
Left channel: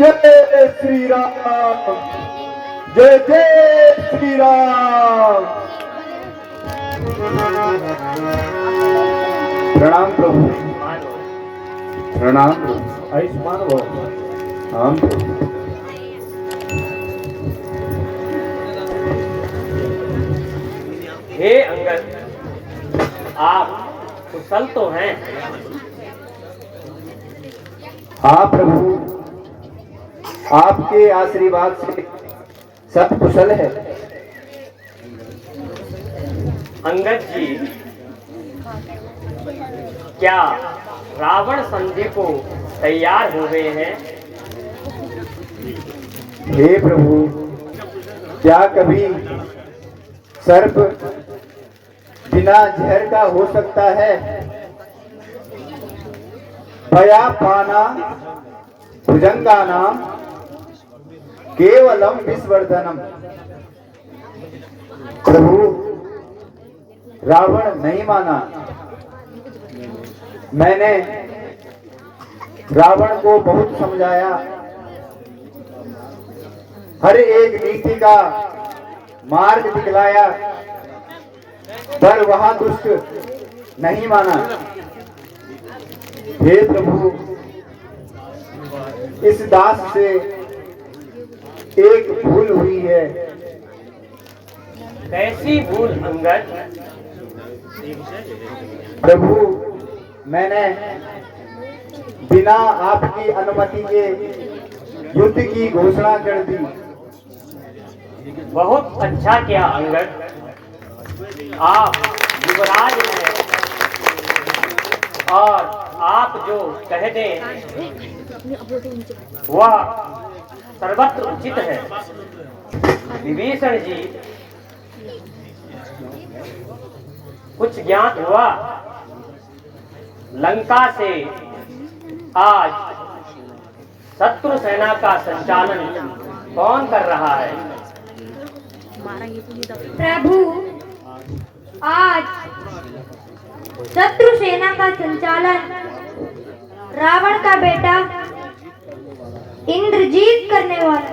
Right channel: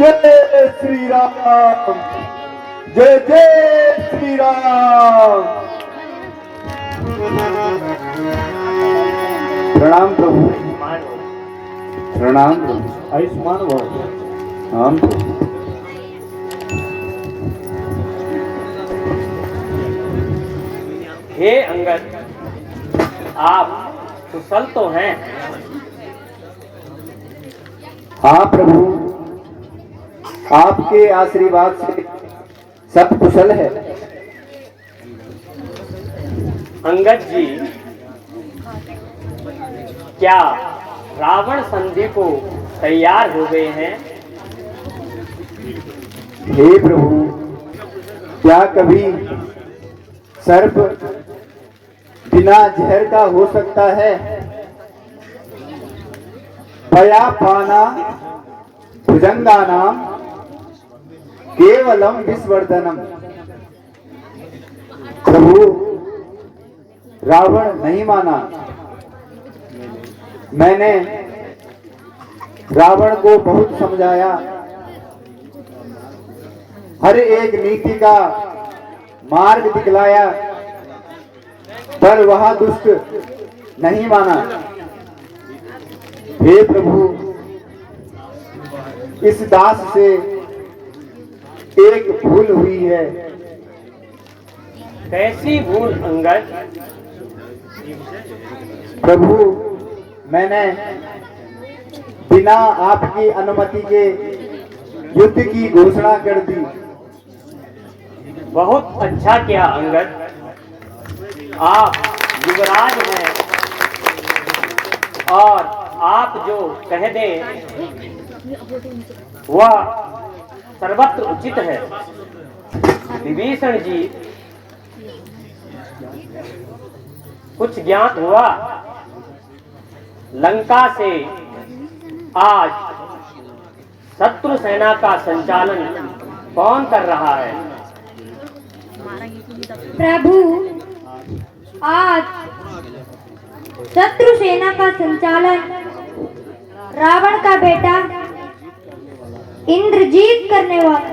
जय श्री राम, जय जय श्री राम। प्रणाम प्रभु, प्रणाम। आयुष्मान भव। हम हे अंगद, आप कुशल तो हैं। हाँ प्रभु, आपके आशीर्वाद से सब कुशल है। अंगद जी, क्या रावण संधि को तैयार हो गए हैं? हे प्रभु, क्या कभी सर्प बिना जहर का हो सकता है? भया पाना भुजंगानाम केवलम विस्वर्धनम। प्रभु, रावण नहीं माना। मैंने रावण को बहुत समझाया, हर एक नीति का मार्ग दिखलाया, पर वह दुष्ट नहीं माना। हे प्रभु, इस दास से एक भूल हुई है। कैसी भूल अंगद? प्रभु, मैंने बिना आपकी अनुमति के युद्ध की घोषणा कर दी। बहुत अच्छा किया अंगद। आप युवराज हैं और आप जो कह दें वह सर्वत्र उचित है। विभीषण जी, कुछ ज्ञात हुआ? लंका से आज शत्रु सेना का संचालन कौन कर रहा है? प्रभु, आज शत्रु सेना का संचालन रावण का बेटा इंद्रजीत करने वाला।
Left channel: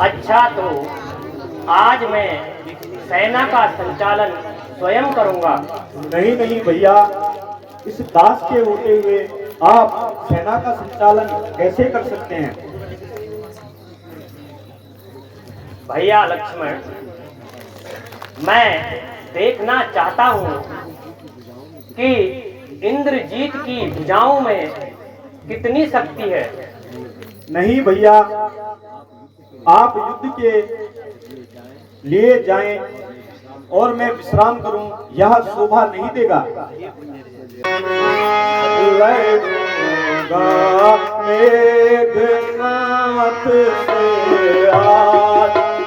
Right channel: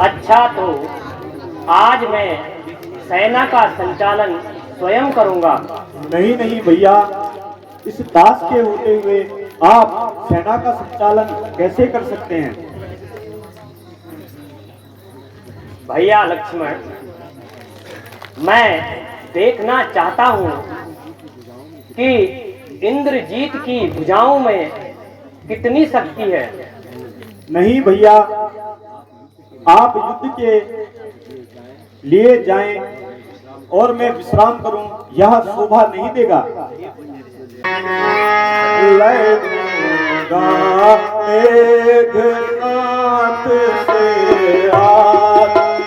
अच्छा, तो आज मैं सेना का संचालन स्वयं करूंगा। नहीं नहीं भैया, इस दास के होते हुए आप सेना का संचालन कैसे कर सकते हैं? भैया लक्ष्मण, मैं देखना चाहता हूँ कि इंद्रजीत की भुजाओं में कितनी शक्ति है। नहीं भैया, आप युद्ध के लिए जाएं और मैं विश्राम करूं, यह शोभा नहीं देगा। मेघनाथ से आज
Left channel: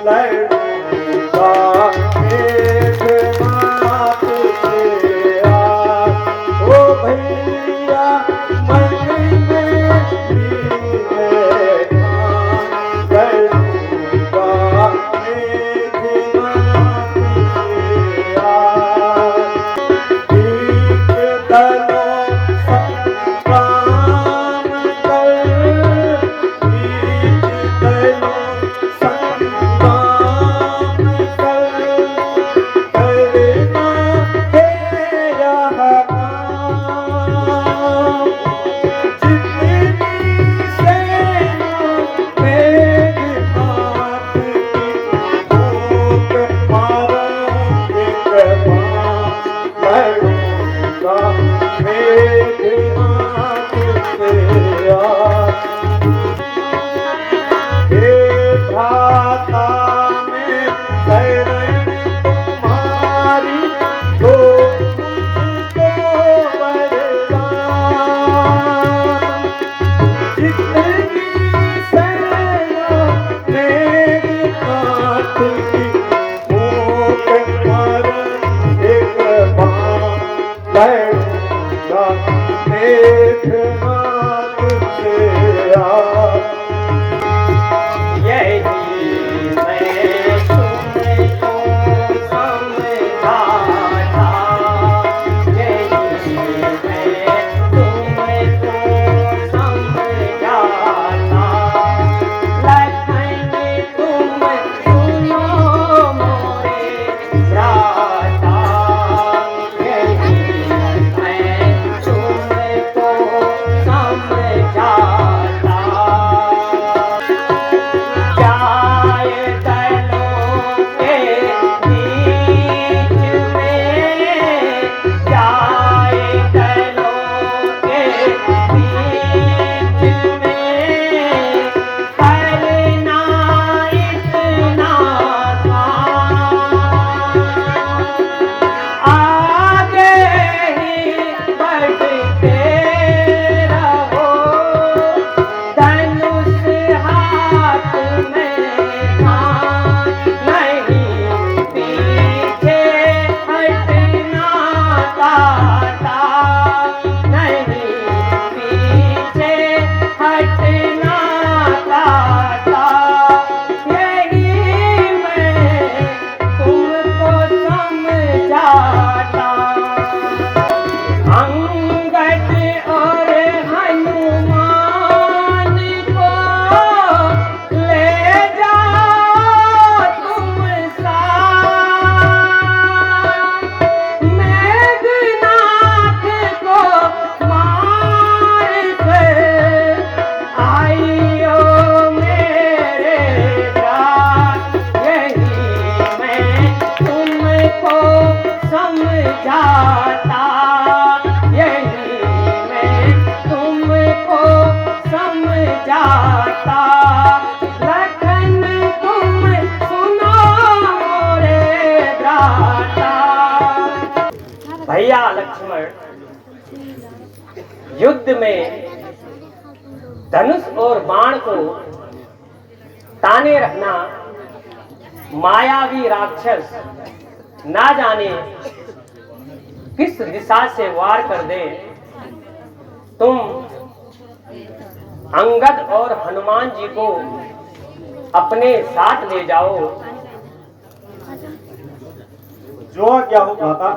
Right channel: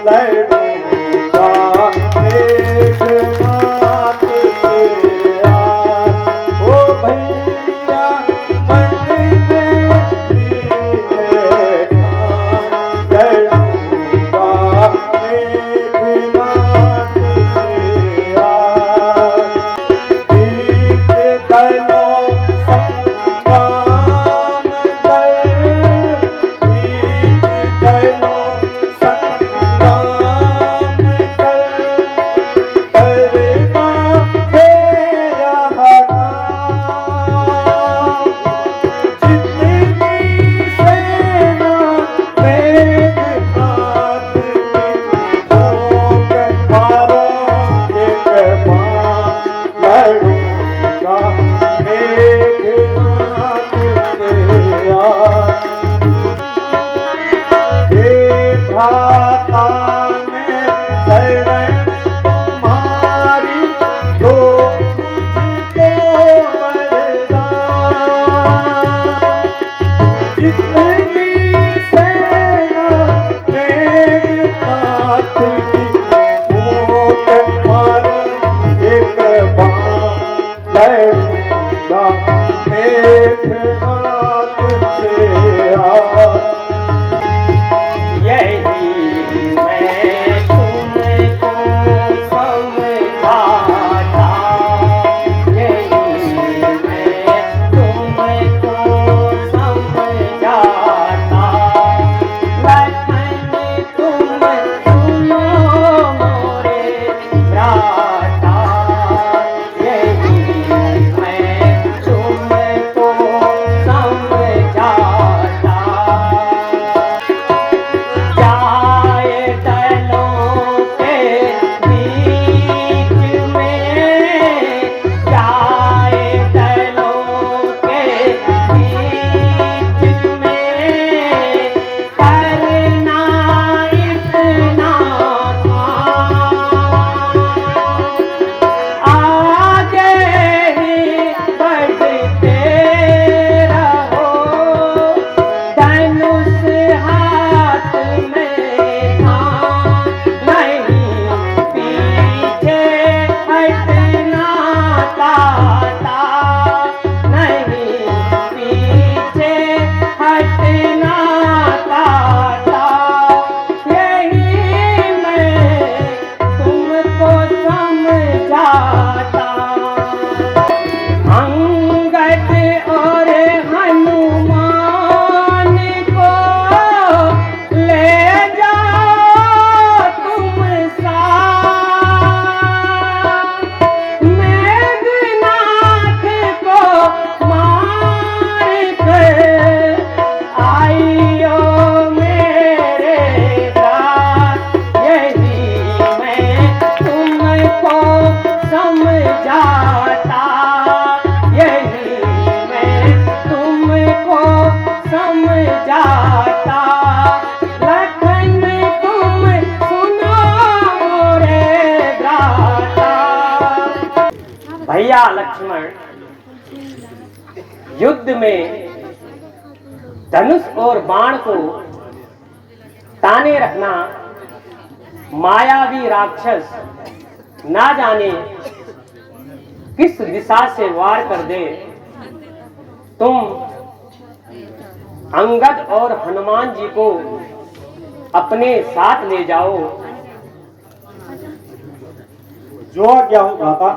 लड़ेगा, मेघनाथ से आज। ओ भैया मन में भैया लक्ष्मण युद्ध में धनुष और बाण को ताने रखना मायावी राक्षस ना जाने किस दिशा से वार कर दे। तुम अंगद और हनुमान जी को अपने साथ ले जाओ। जो क्या हो भ्राता।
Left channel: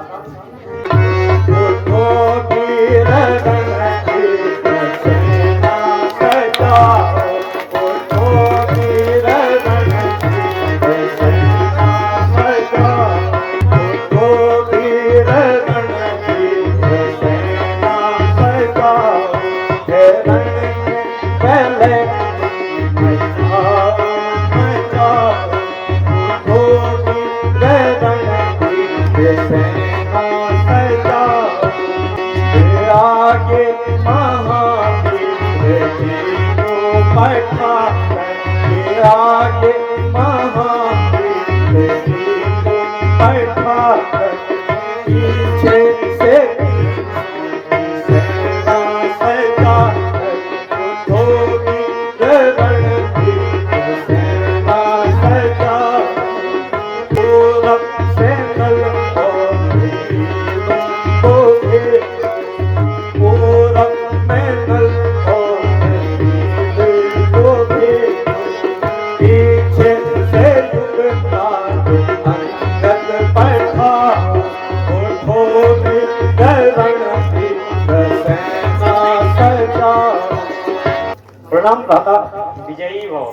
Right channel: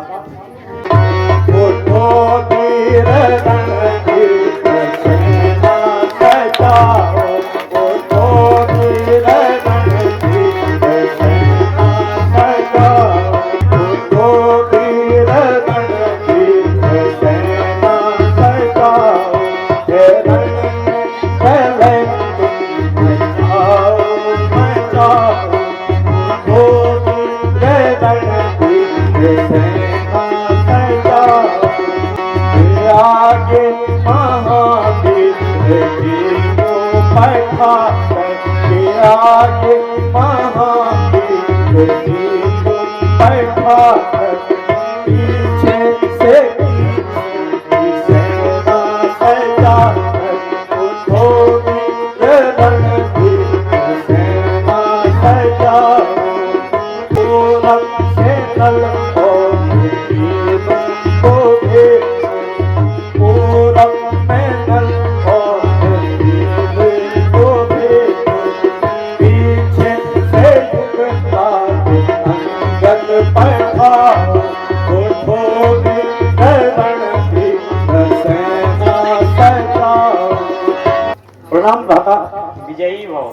प्रणाम भ्राता। विजयी हो,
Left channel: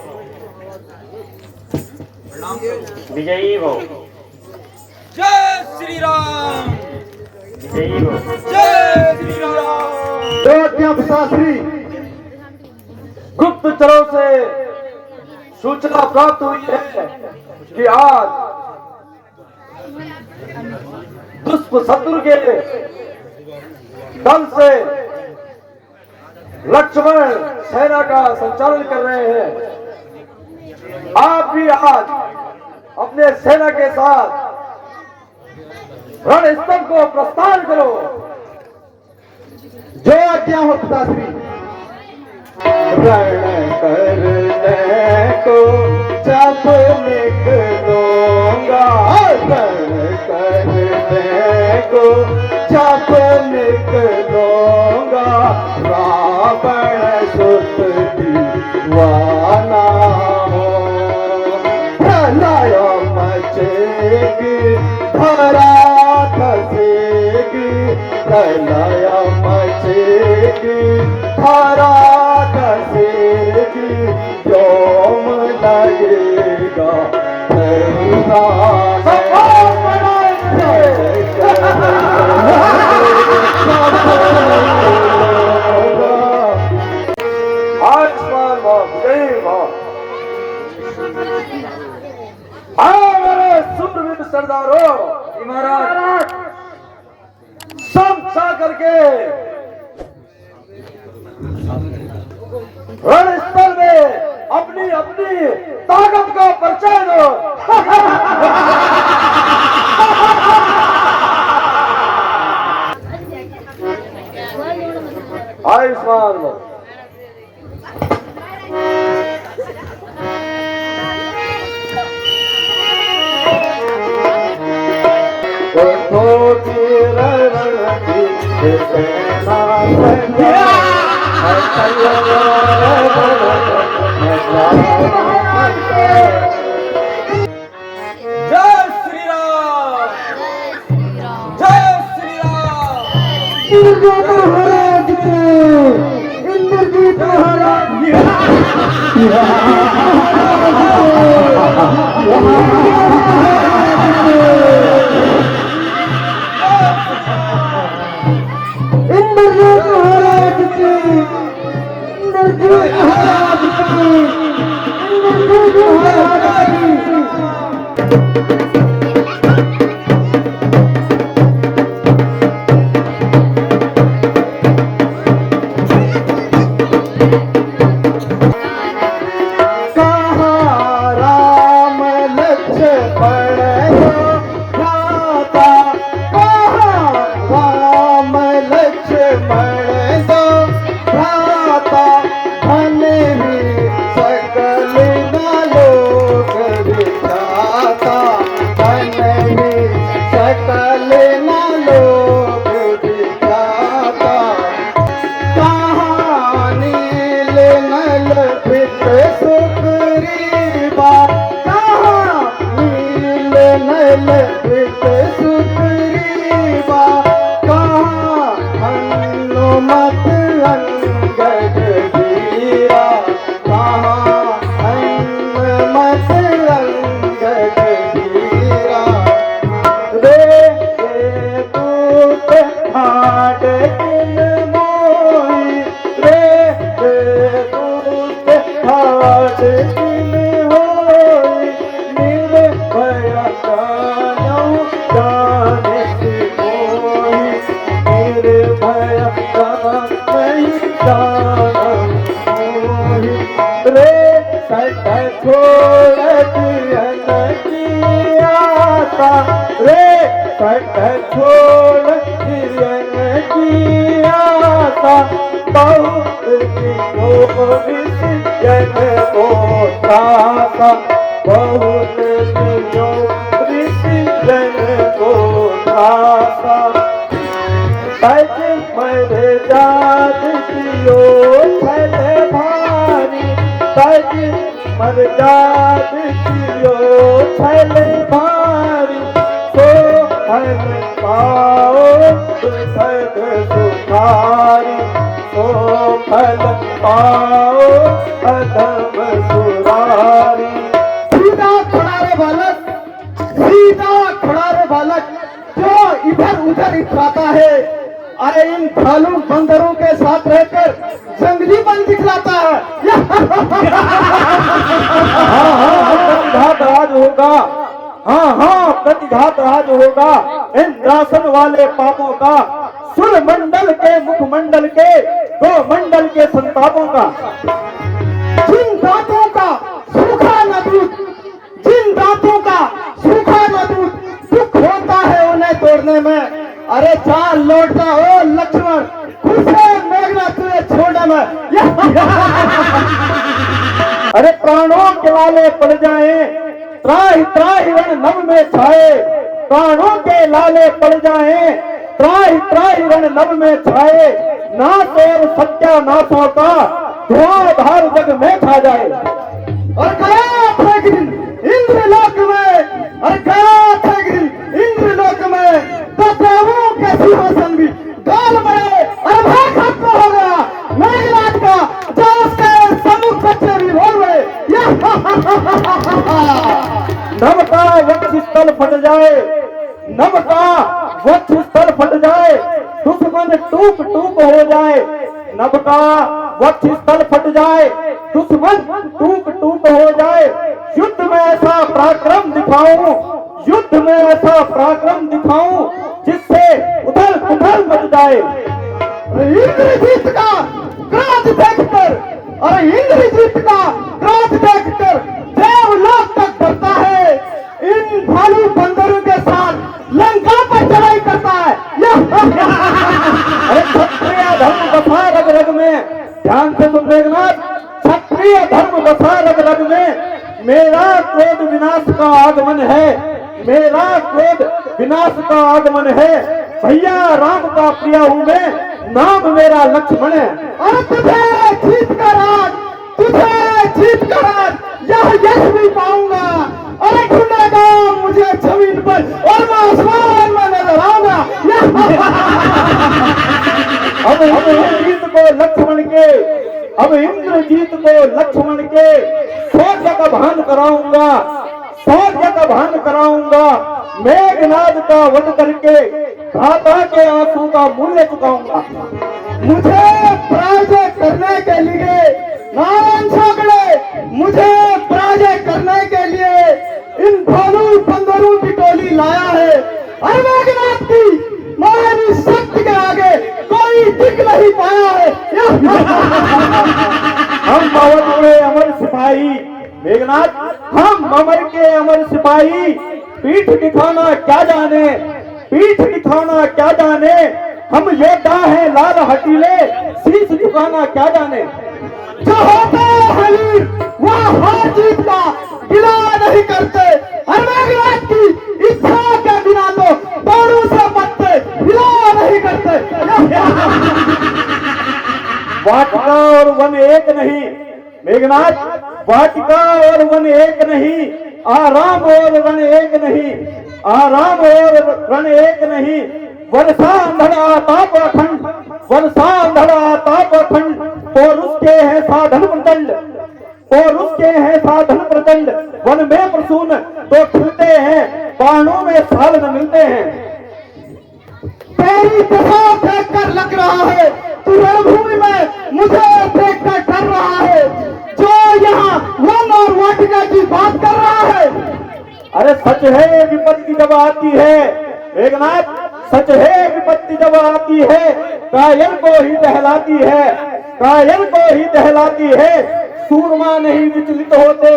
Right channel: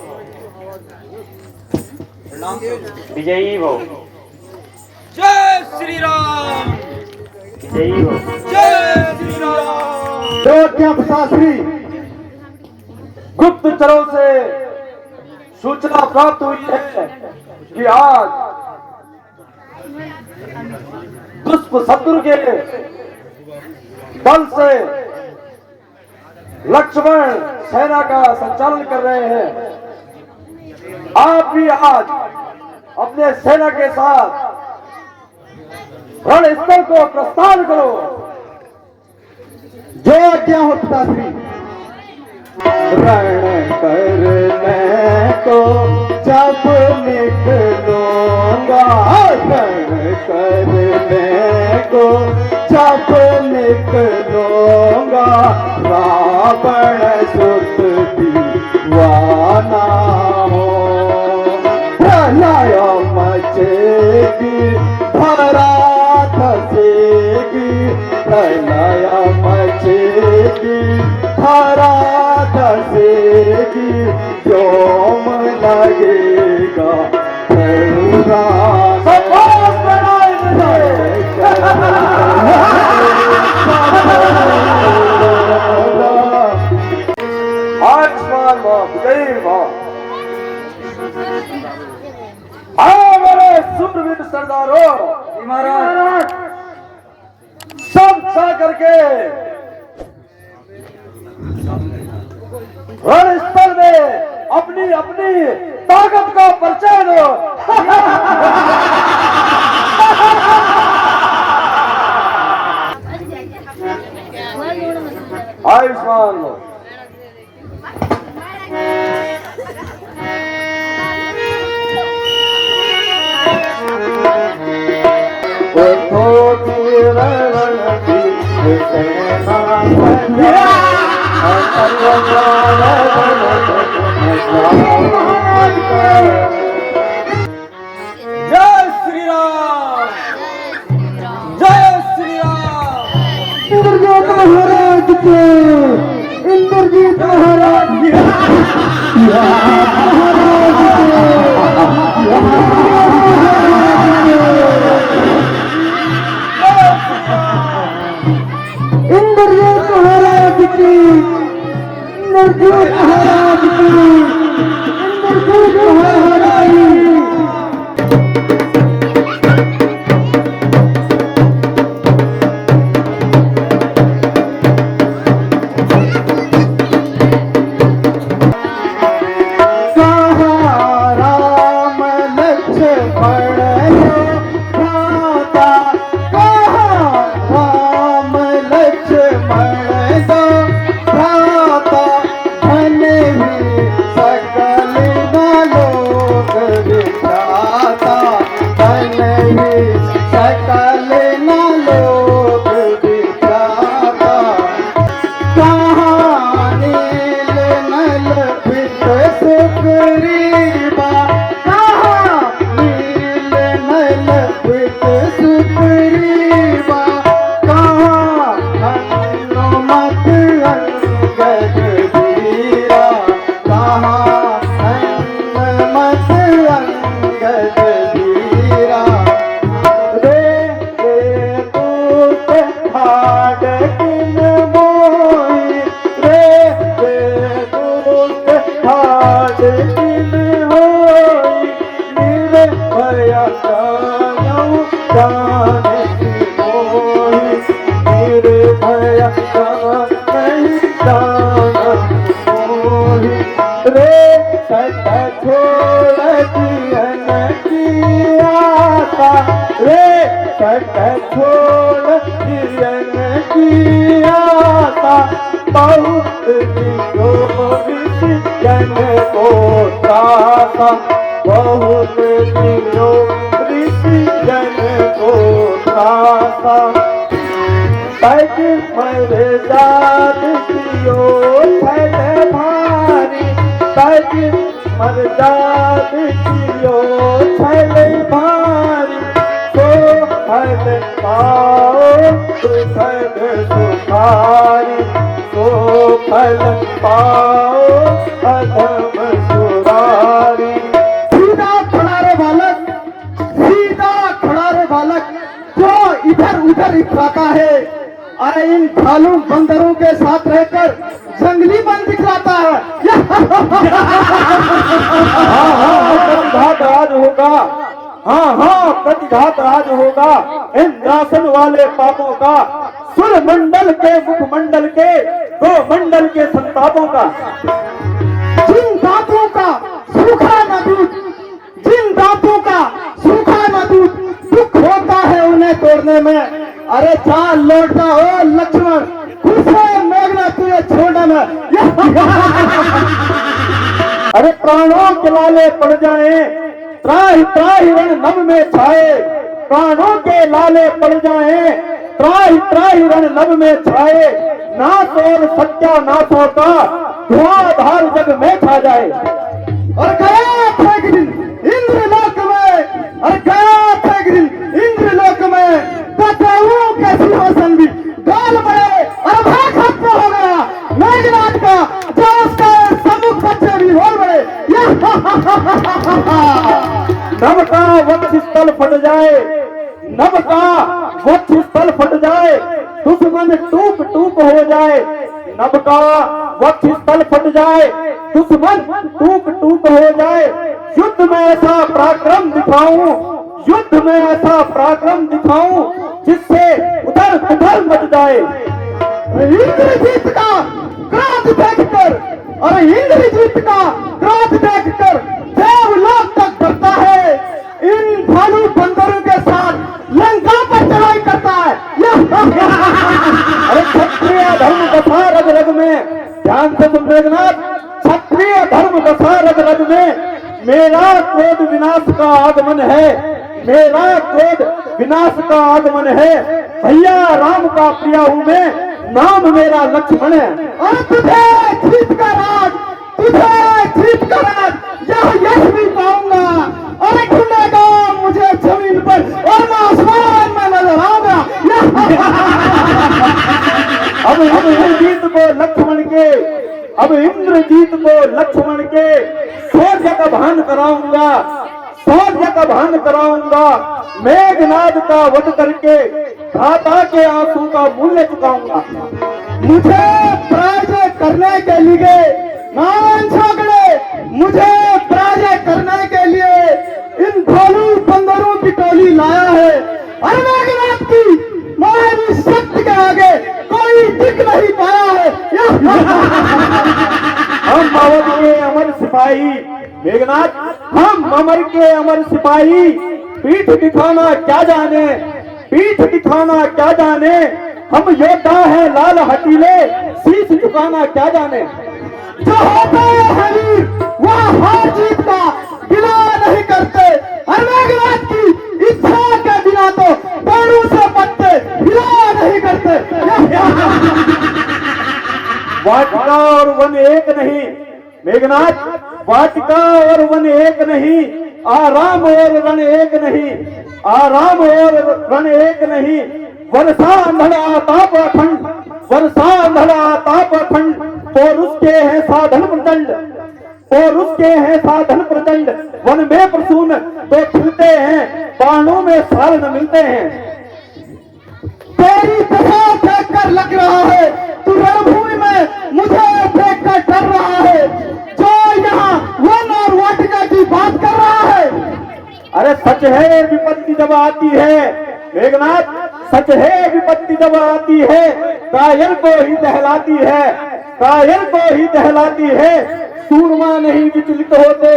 विजयी हो, जय श्री राम, विजयी हो। जय श्री राम। शास्त्री गुप्तचरों से सूचना प्राप्त हुई है कि आज दुष्ट शत्रु के दल से लक्ष्मण सेना का संचालन कर रहे हैं। आप भी आज अपने सेना के साथ रणस्थल को प्रस्थान करो। जो आज्ञा हो पिताश्री। रण करने को जब निकलूंगा, रण करने को जब निकलूंगा, रावण सुत दीवाना हो। प्रलय मचेगी, धरा धसेगी, प्रलय मचेगी, धरा धसेगी, व्योम लगेगा फिरना। सूरवीर सरदारों, महाराज सब करके रणस्थल में अपनी अपनी ताकत का परिचय दो। आयुष्मान लो। जय श्री राम, जय श्री राम योग दिखाता कहानी नल फित सुग्रीवा कहानी नल फित सुग्रीवा कहाँ हनुमत अंगद वीरा कहाँ हनुमत अंगद वीरा रे दूत हाड किन मोई रे दूत हाड किन होई निर्भय कानऊ जानिति मोहि निर्भय कानऊ जानिति मोहि रे सट छोड़ दियन की आशा रे सट छोड़ दियन की आशा बहुत दिनों ऋषि जन को त्रासा बहुत दिनों ऋषि जन को त्रासा तज मर जात कियो छल भारी तज मर जात कियो छल भारी तो हर पाओ सुखद सुखारी तो फल पाओ अधम सुरारी सीधा खड़ा रे बालक, सीधा खड़ा रे बालक, जो इधर उधर इतराता है। अरे इन भालू बंदरों के साथ रहकर जंगली बन दिखलाता है। प्रतिघात राज होगा हाँ प्रतिघात राज होगा इंद्रासन वाले पापों का सुर मंडल के मुखमंडल के गो मंडल के संतापों का जिन दांतों का सूखा न दूध, जिन दांतों का सूखा न दूध, दुख होता है उन्हें तोड़ने में। अरे चाल लौटता हो लक्ष्मण, दूसरे मेघना तुझे छोड़ने में। अरे प्राणों के लाले पड़ जाए त्राहि त्राहि रण नभ में छाए प्राणों के लाले पड़ जाए त्राहि त्राहि रण नभ में छाए ना और सत्यानाश होता धुआंधार जग में खा जाए और गया था एक दिन इंद्रलोक में, और गया था एक दिन इंद्रलोक में, तो देवों के सिंहासन भी गाल बड़े और भाग खत्म हो गया मेघनाथ का, जो उसके सम्मुख बच्चे भी हो गए। नभ का वक्ष स्थल फट जाए नभ का वक्ष स्थल फट जाए दुश्मन टूक टूक हो जाए नभ का वक्ष स्थल फट जाए दुश्मन टूक टूक हो जाए युद्ध में ऐसा पराक्रम दिखाऊं युद्ध में ऐसा पराक्रम दिखाऊं जिससे उधर उधर मच जाए इंद्रजीत का क्रोध देखकर, और इंद्रजीत का क्रोध देखकर देवलोक तक बढ़ता है, इन भालू बंदरों के साथ लंका पर चढ़ाई करता है। क्षत्रिय धर्म बसा रग रग में ध्यान से सुन मेघनाथ क्षत्रिय धर्म बसा रग रग में मेरा क्रोध विनाश का आगमन है मेरा क्रोध विनाश का आगमन है भैया राम का प्रिया हूँ मैं नाम मेरा लक्ष्मण है और तुझे जीत कर राज, तुझे जीत कर राज यह यश नहीं पाऊंगा। अरे खुलेगा मुझे जमीन पर और मैं आसमान में नजर आऊंगा। अब इंद्रजीत को लक्ष्मण के अब इंद्रजीत को लक्ष्मण के शौर्य का भान कराऊंगा शौर्य का भान कराऊंगा मेघनाद का वध करके भ्राता के आंसू का मूल्य चुकाऊंगा। मुझे पराजय करने के लिए मुझे पराजय करने के लिए इन भालू बंदरों की टोली लाया है। अरे मेघनाथ की महान शक्ति के आगे कोई टिक नहीं पाया है। हम अवध के अमर सिपाही मेघनाथ हम अमर के अमर सिपाही पीठ दिखाना क्या जाने पीठ दिखाना क्या जाने हम योद्धा हैं लाल हटीले शीश झुकाना क्या जाने जो होते हैं वीर वह हार जीत का गिला नहीं करते। हर मेघनाथ की इच्छा के बिना तो बाणों से बचते वाटिका और वन एक नहीं। मेघनाथ, वाटिका और वन एक नहीं, आराम और रण एक नहीं, आराम और रण एक नहीं। वर्षा अंधड़ आता पाखंड, वर्षा अंधड़ आता पाखंड, तो उसके हैं साधन प्रचंड, तो उसके हैं साधन प्रचंड। वन में प्रसून तो फिरते हैं, बाणों में साल न मिलते हैं। तेरी दिशा देख कर लग रहा है, तू रणभूमि में मुझे देख कर डर रहा है, जो यहाँ वन और वाटिका की बात कर रहा है। अरे सच है विपत्ति जब आती है मेघनाथ, सच है विपत्ति जब आती है, कायर को ही दहलाती है, कायर को ही दहलाती है। सूरमा नहीं विचलित होते,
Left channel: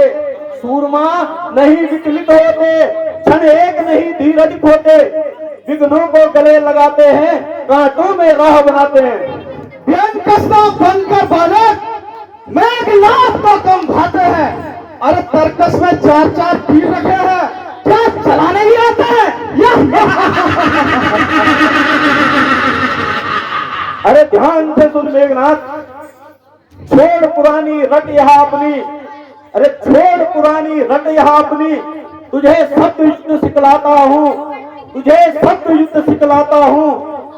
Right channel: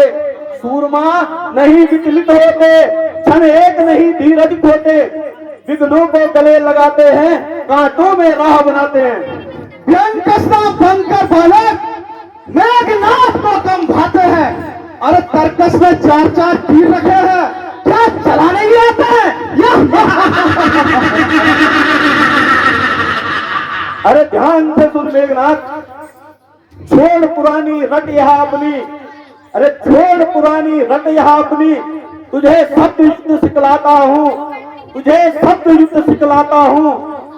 सूरमा नहीं विचलित होते, क्षण एक नहीं धीरज होते। विघ्नों को गले लगाते हैं, कांटों में राह बनाते हैं। व्यंग कसना बनकर बालक मेघनाथ को कम भाते हैं। अरे तर्कस में 4-4 तीर रखे हैं, क्या चलाने ही आते हैं? अरे ध्यान से सुन मेघनाथ, छोड़ पुरानी रट यहाँ अपनी, अरे छोड़ पुरानी रट यहाँ अपनी। तुझे शब्द युद्ध सिखलाता हूँ, तुझे शब्द युद्ध सिखलाता हूँ।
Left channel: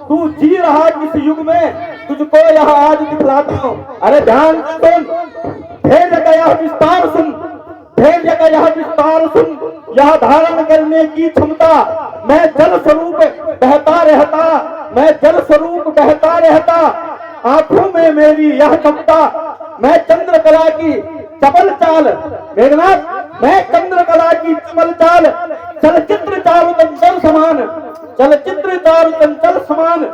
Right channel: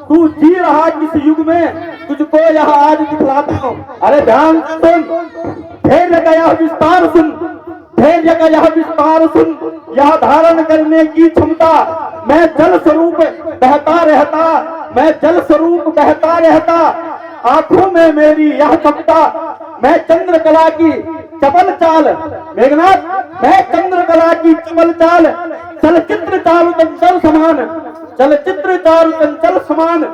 तू जी रहा किस युग में, तुझको यह आज दिखलाता हूँ। अरे ध्यान से सुन, धैर्य का यह विस्तार सुन, धैर्य का यह विस्तार सुन। यह धारण करने की क्षमता, मैं जल स्वरूप बहता रहता, मैं जल स्वरूप बहता रहता। आंखों में मेरी यह ममता, मैं चंद्रकला की चपल चाल। मेघनाथ, मैं चंद्रकला की चपल चाल, चलचित्र चारु चंचल समान, चलचित्र चारु चंचल समान।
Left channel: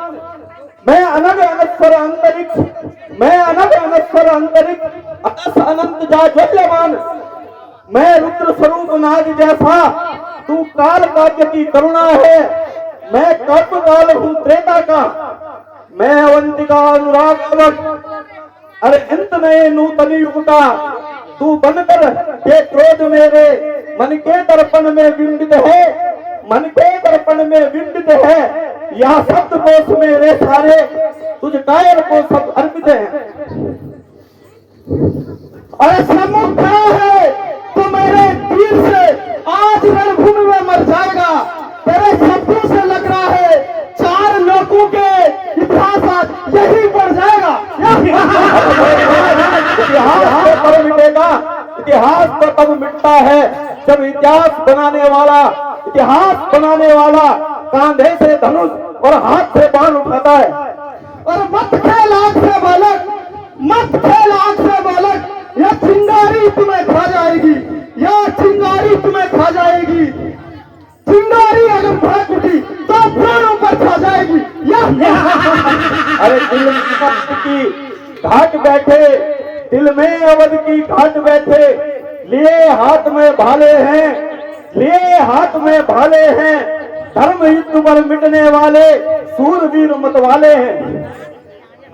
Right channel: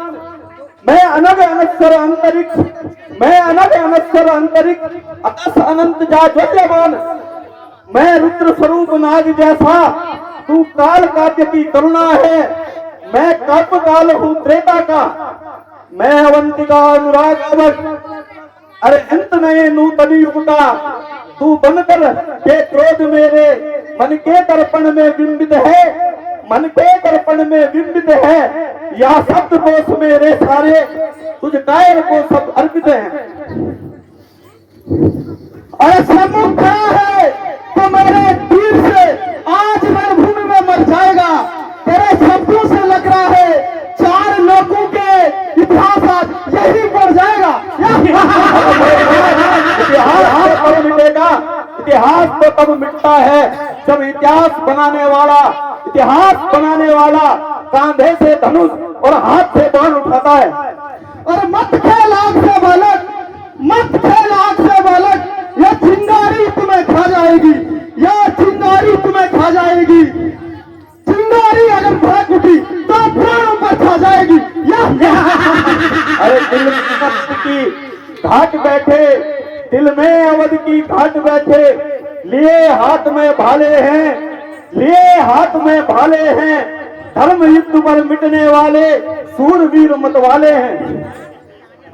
मैं अनग अनश्वर अंतरिक्ष, मैं अनग अनश्वर अंतरिक्ष, अतस अनंत जाज्वल्यमान। मैं रुद्र स्वरूप नाग जैसा, तू काल काव्य की करुणा है। मैं कल्प काल हूँ त्रेता का, मैं अवंतिका अनुराग अवध। अरे अंत में नूतनी फुटा, तू बनकर के क्रोध मेरे मन के दर्पण में बिंबित है, मन के दर्पण में बिंबित है। यह शब्द कोश मेरे सारे, तुझ कायर को सब अर्पित है। अरे सम्मुख खड़ा है तो मेरे तीर से आज रणभूमि में मर जाएगा। तेरे शब्दों से लग रहा है 4 लोगों के इतिहास आज यही बढ़ जाएगा। इतिहास तो कब मिटेगा, इतिहास तो कब मिटता है जब इतिहास बनाने वाला, इतिहास बनाने वाला कांधे से धनुष और हाथ से बाण उठाता है। और मत खेल आग से बालक, मत खेल आग से बालक, यह चिंगारी तुम्हें खा जाएगी, यह चिंगारी तुम्हें खा जाएगी। चिंगारी अगर भड़क उठी तो प्राणों पर खा जाएगी। अरे दिल की घाट बैठे, दिल में अवध की घाट बैठे, लिए हाथ में भाले हैं, लिए हाथ में भाले हैं। धर्म हिंदू पर मिटने वाले सूरवीर मत वाले हैं।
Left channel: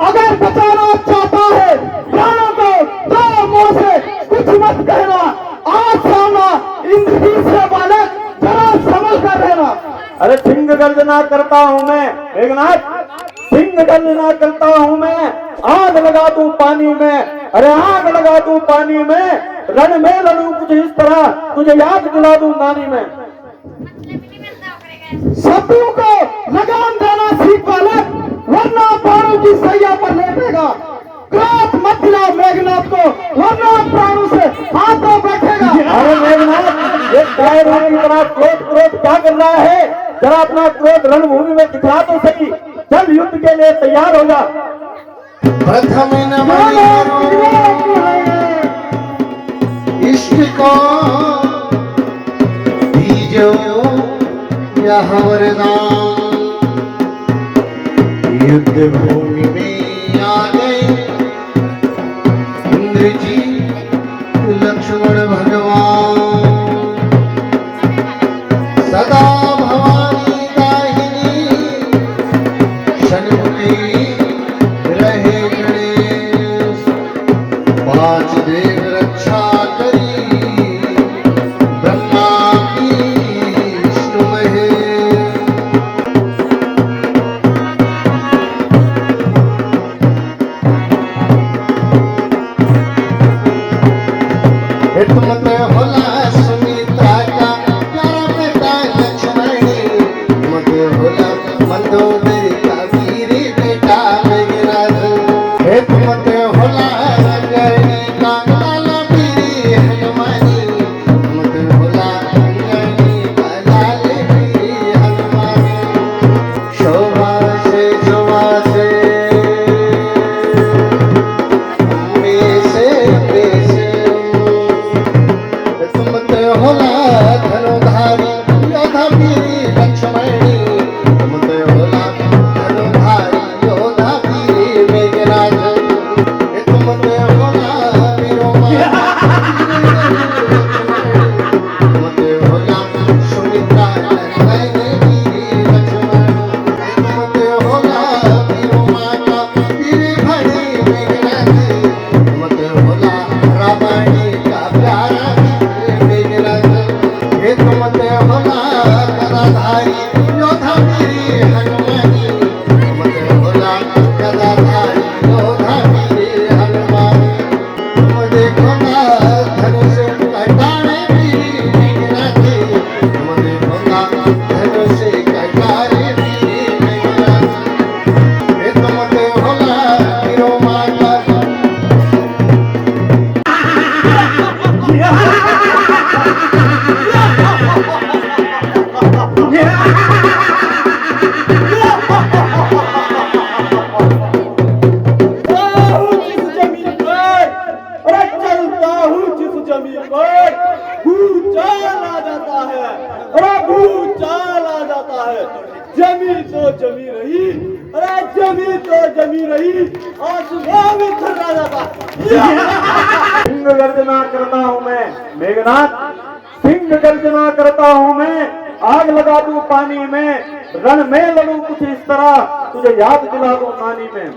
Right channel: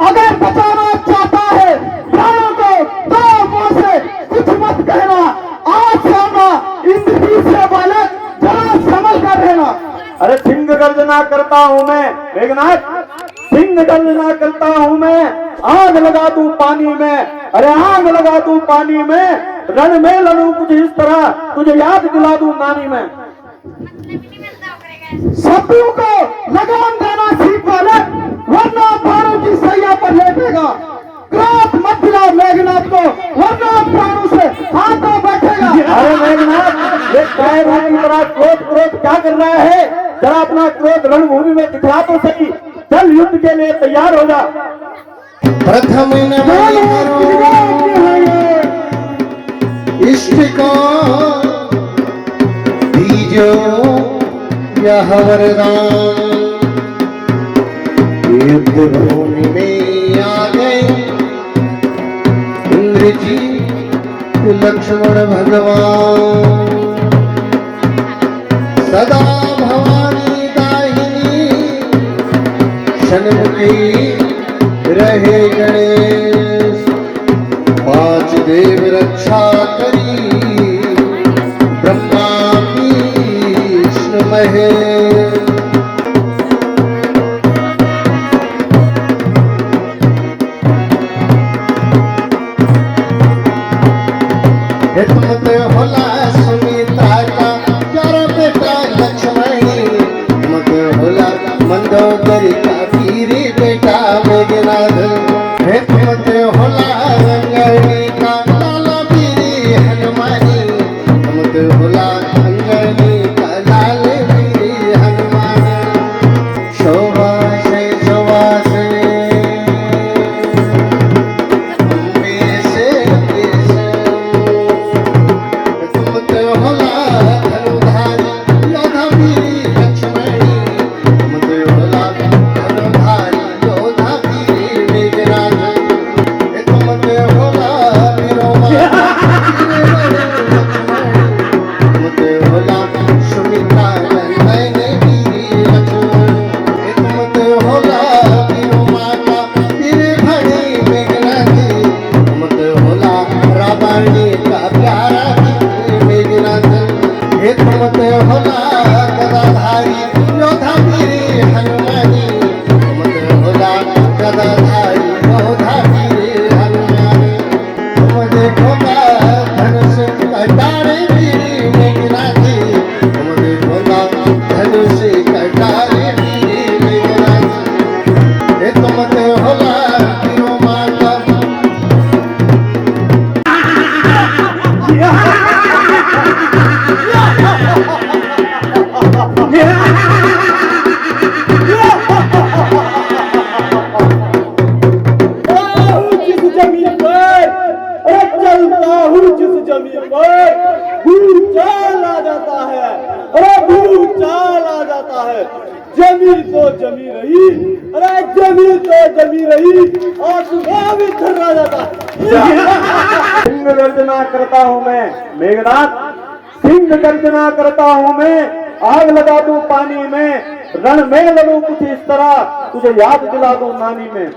अगर बचाना चाहता है प्राणों को तो मुझसे कुछ मत कहना। आज सामना इंद्रजीत से बालक, जरा संभल कर रहना। अरे सिंह गर्जना करता हूँ मैं मेघनाथ, सिंह गर्जना करता हूँ मैं। आग लगा दूं पानी में, अरे आग लगा दूं पानी में। रण में लड़ूं कुछ इस तरह, तुझे याद दिला दूं पानी में। शब्दों को लगाम देना सीख बालक, वरना प्राणों की सैया पर लेटेगा। क्रोध मत दिला मेघनाथ को, वरना प्राणों से हाथ में बैठेगा। अरे मेघनाथ, ये कायरों की तरह क्रोध क्रोध क्या कर रहा है? जरा अपना क्रोध रणभूमि में दिखला तो सही। चल युद्ध के लिए तैयार हो जा। प्रथम नमो इष्ट को दीजो यह वरदान। युद्ध भूमि में आ गए इंद्रजीत लक्ष्मण भगवान। सदा भवानी दाहिनी षण्मुखी रहे गणेश। 5 देव रक्षा करी ब्रह्मा विष्णु महेश। नहीं, अरे जमी तो जमी रही और सुबह भी थर्रा जाता। सिंह गर्जना करता हूँ मैं मेघनाथ, सिंह गर्जना करता हूँ मैं, आग लगा दूं पानी में, रण में लड़ूं कुछ इस तरह, तुझे याद दिला दूं नानी में।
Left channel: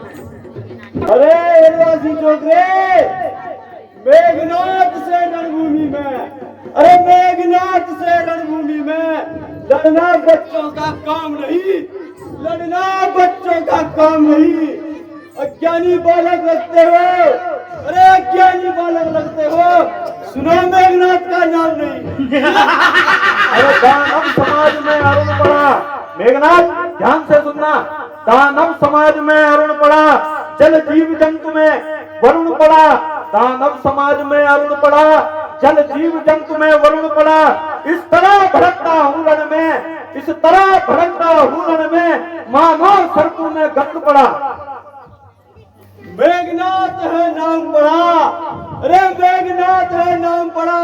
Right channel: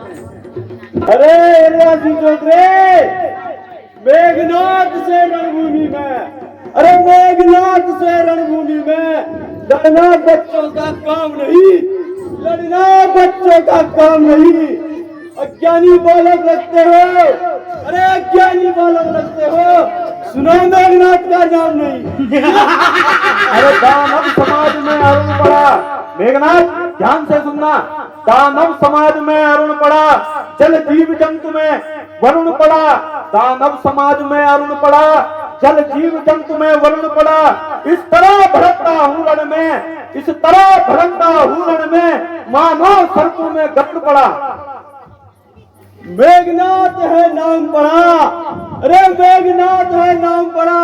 अरे एलियासी चौधरी, मेघनाथ से रणभूमि में, अरे मेघनाथ से रणभूमि में लड़ना बच्चों का काम नहीं, लड़ना बच्चों का काम नहीं। अज्ञानी बालक लगते हो, अरे अज्ञानी बालक लगते हो, सुना मेघनाथ का नाम नहीं। अरे दानव समाज में अरुण पड़ा, मेघनाथ ध्यान से सुनना, दानव समाज में अरुण पड़ा, जल जीव जंतु में वरुण पड़ा, दानव समाज में अरुण पड़ा, जल जीव जंतु में वरुण पड़ा। इस तरह भड़कता हूँ रण में, इस तरह भड़कता हूँ रण में, मानो सरकू में गरुड़ पड़ा। मेघनाथ है नाम पड़ा, अरे मेघनाथ है नाम पड़ा,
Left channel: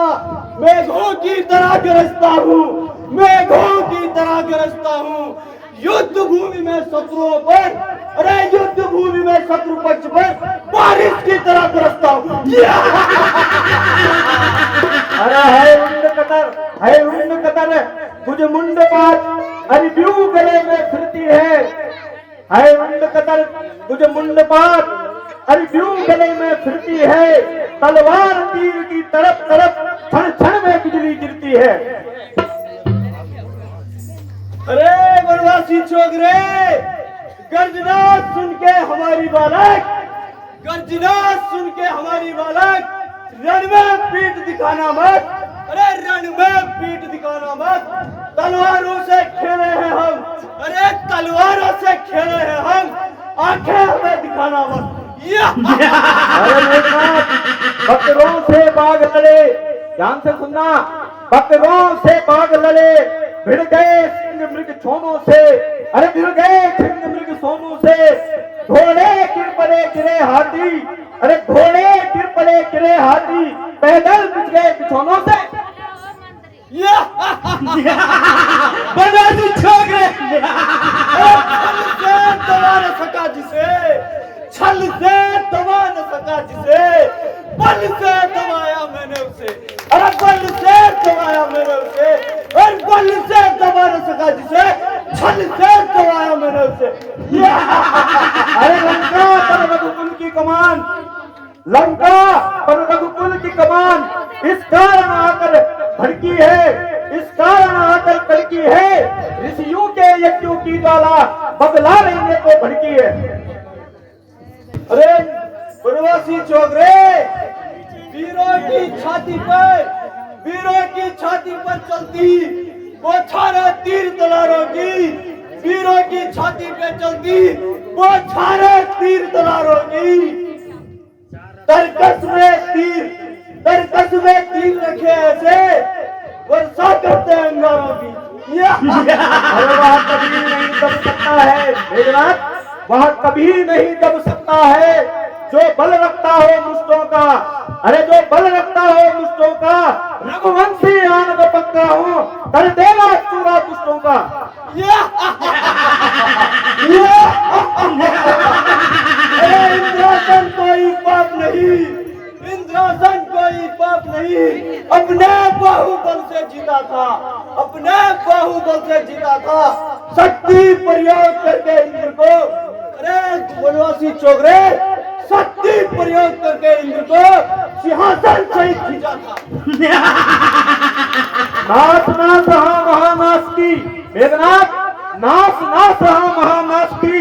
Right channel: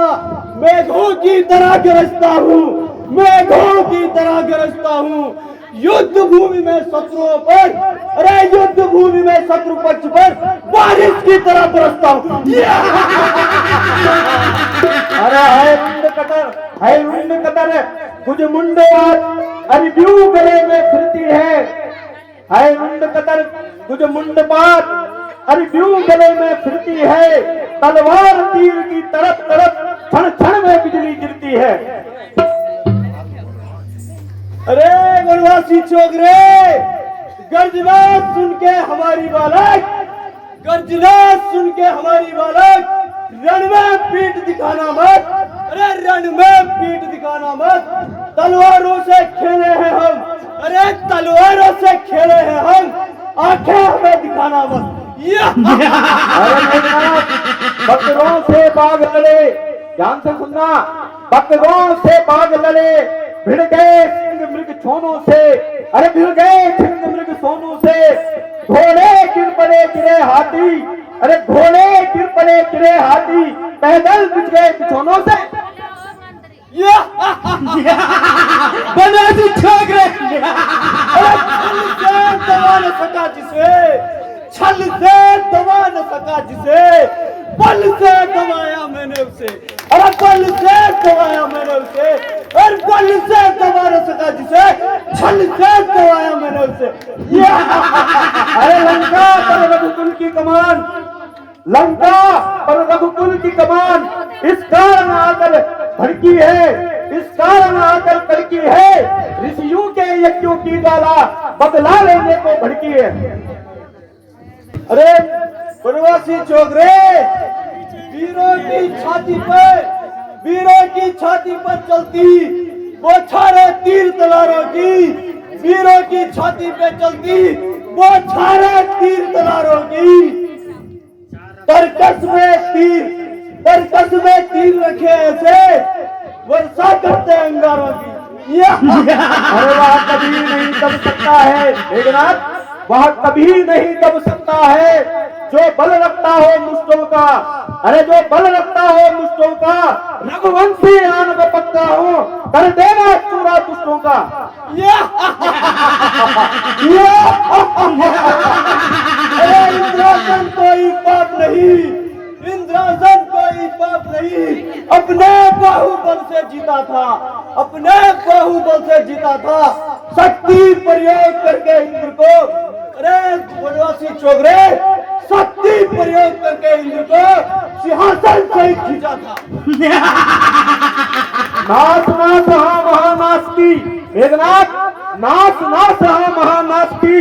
मेघों की तरह गरजता हूँ, मेघों की तरह गरजता हूँ, युद्ध भूमि में शत्रुओं पर, अरे युद्ध भूमि में शत्रु पक्ष पर बारिश की तरह बरसता हूँ। अरे है मुंड कतर, है मुंड कतर, कुछ मुंडेबाज अरे ब्यू गले में फिरती है मुंड कतर, कुछ मुंडबाज अरे ब्यू गले में फिरती है, तलवार तीर की तरफ तरफ क्षण क्षण में बिजली गिरती है। अरे वनवासी चौधरी, गर्जना सुन के हमारी बालक, गर्जना सुन के हमारी बालक, रण में पीठ दिखाना मत, अरे रण में पीठ दिखाना मत, तलवारों से खेले हैं हम, अरे तलवारों से खेले हैं हम, आंखें हमें दिखाना मत। बकरों से बाघ लड़े, ध्यान से सुनना, बकरों से बाघ लड़े, भिड़ गए सिंह मृग छोनों से, अरे भिड़ गए सिंह मृग सोनों से, घोड़े गिर पड़े गिरे हाथी, अरे घोड़े गिर पड़े गिरे हाथी, पैदल बिछ गए बिछोनों से। वनवासी चौधरी, अरे छल से दबा न सका जिसे, छल से दबा न सका जिसे, बल से दबाया मैंने उसे, अरे बल से दबाया मैंने उसे, और बल से दबा न सका जिसे, छल से दबाया मैंने उसे। अरे लंका पर रघुकुल की कमान, लंका पर रघुकुल की कमान इस कारण आकर भड़की है, इस कारण आकर कड़की है, ऋषियों के यज्ञों की ज्वाला बदला लेने को भड़की है। अरे वनवासी चौधरी, वीरों की छाती पर, वीरों की छाती पर चलती बौछारें तीर तलवारों की, वीरों की छाती पे चलती बौछारें तीर तलवारों की, तरकस में तीर रखे ऐसे वर्षा करते अंगारों की। अरे वह कभी नहीं दब सकता है मेघनाथ, वह कभी नहीं दब सकता है, जो बल रखता हो मुष्टों का, अरे जो बल रखता हो मुष्टों का, रघुवंशी आन का पक्का हो, कर देगा चूरा दुष्टों का। इंद्रासन कोई पाप नहीं, इंद्रासन कोई पाप नहीं, अपने बाहुबल से जीता था, अपने बाहुबल से जीता था, शक्ति प्रयोग करके इंद्र को, अरे वनवासी चौधरी, शक्ति प्रयोग करके इंद्र को सिंहासन से ही खींचा था। नाश ना सहा महानाश की मेघनाथ, नाश ना सहा महानाश की,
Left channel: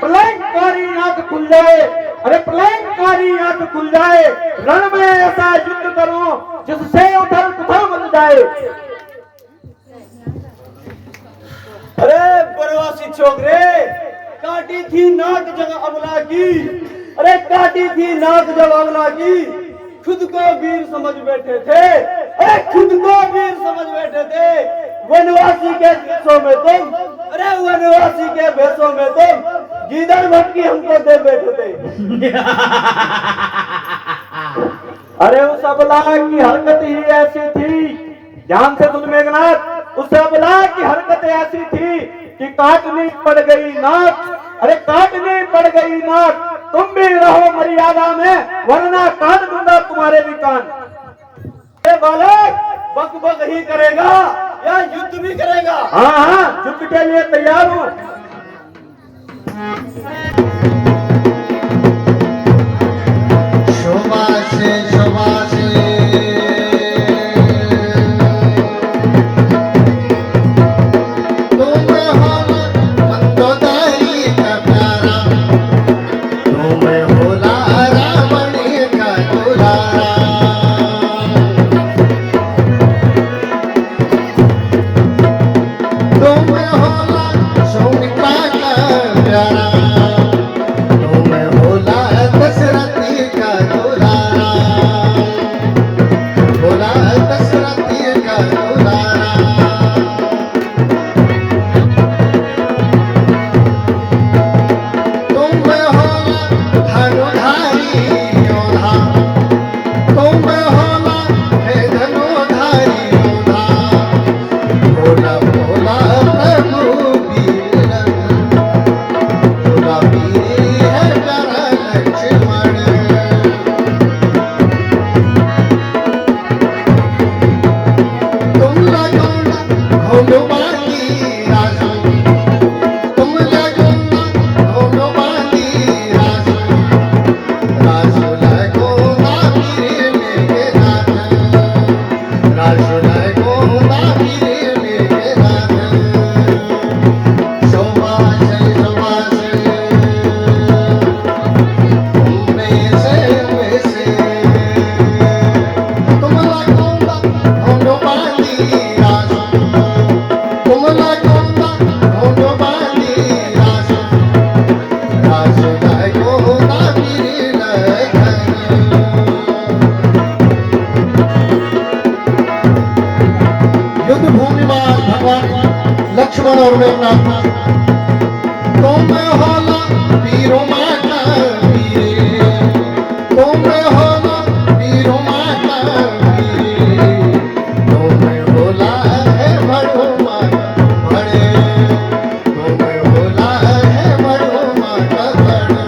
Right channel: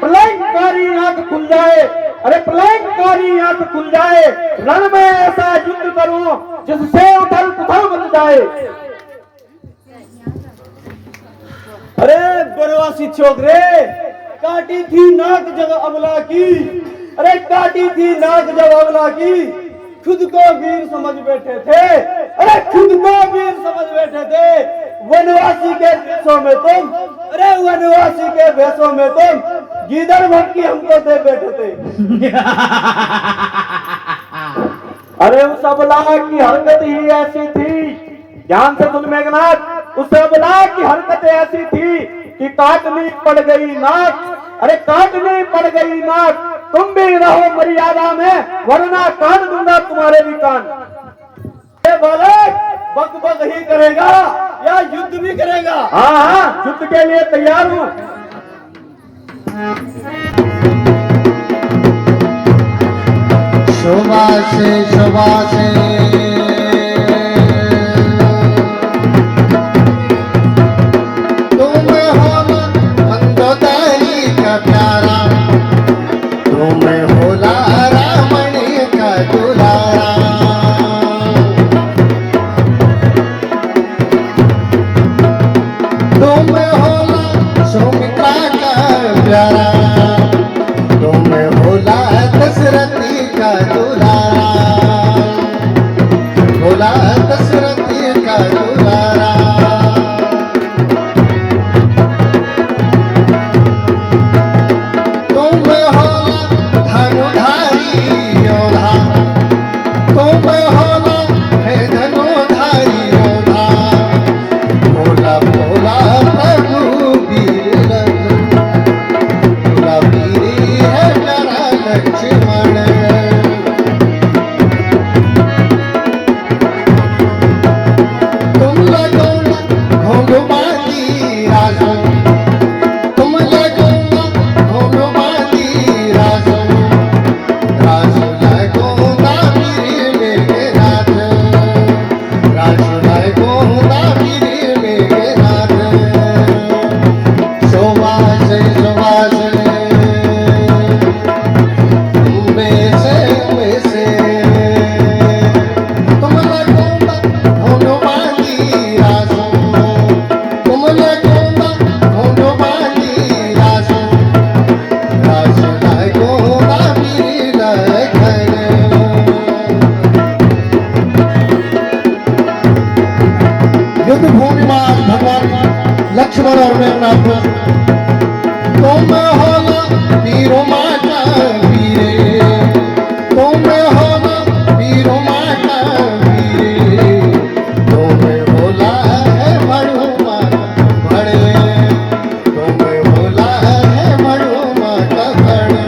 प्रलयकारी आंख खुल जाए, अरे प्रलयकारी आंख खुल जाए, रण में ऐसा युद्ध करूं जिससे उधर पुथल बन जाए। अरे वनवासी चौधरी, काटी थी नाक जब अमला की, अरे काटी थी नाक जब अमला की, खुद को वीर समझ बैठे थे, अरे खुद को वीर समझ बैठे थे, वनवासी के भेषों में तुम, अरे वनवासी के भेषों में तुम गीदड़ भटकी हमको दे बैठे थे। अरे उस अबला की हरकत ही ऐसी थी, ध्यान से सुन मेघनाथ, उस अबला की हरकत ऐसी थी कि काटनी पड़ गई नाक, अरे काटनी पड़ गई नाक, तुम भी रहो मर्यादा में, वरना काट दूंगा तुम्हारे भी कान। ये बालक बग बग ही करेगा या युद्ध भी करेगा? हाँ हाँ, युद्ध के लिए तैयार हूँ। शोभासे शोभासे तुम हो मंदोदरी का प्यारा, तुम हो रामणी का दुलारा। तुम हो सौमित्रा का प्यारा, तुम हो दशरथी का दुलारा, भोला दशरथी का दुलारा। तुम हो धनुधारी योधा, तुम हो धनुधारी योधा, भोला भोला प्रभु वीर, भोला वीर कर लक्ष्मण। तुम लगो घोलवाती राजो, तुम लगो घोलवाती राजो, राजो लगो वीर मेरे नाथ, राजो लगो वीर मेरे नाथ। शोभा से शोभा से तुम में से तुम लगो घोलवाती राजो, तुम लगो घोलवाती राजो, राजो लगो वीर लखन। युद्ध भूमि में भगवान लक्ष्मण और मेघनाथ, तुम हो वीरों माता वीरे, तुम हो वीरों माता वीरे, तुम भोला है मरुआ बड़े, तुम भोला है मरुआ का बड़े।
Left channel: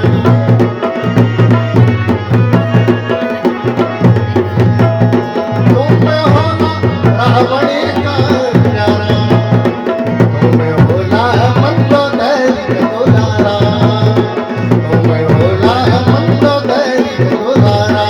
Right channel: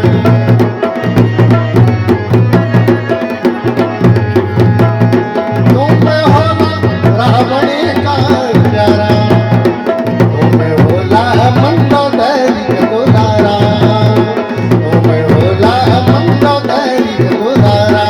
तुम हो रावण का प्यारा, तुम भोला मंदोदरी का दुलारा, तुम भोला मंदोदरी का दुलारा।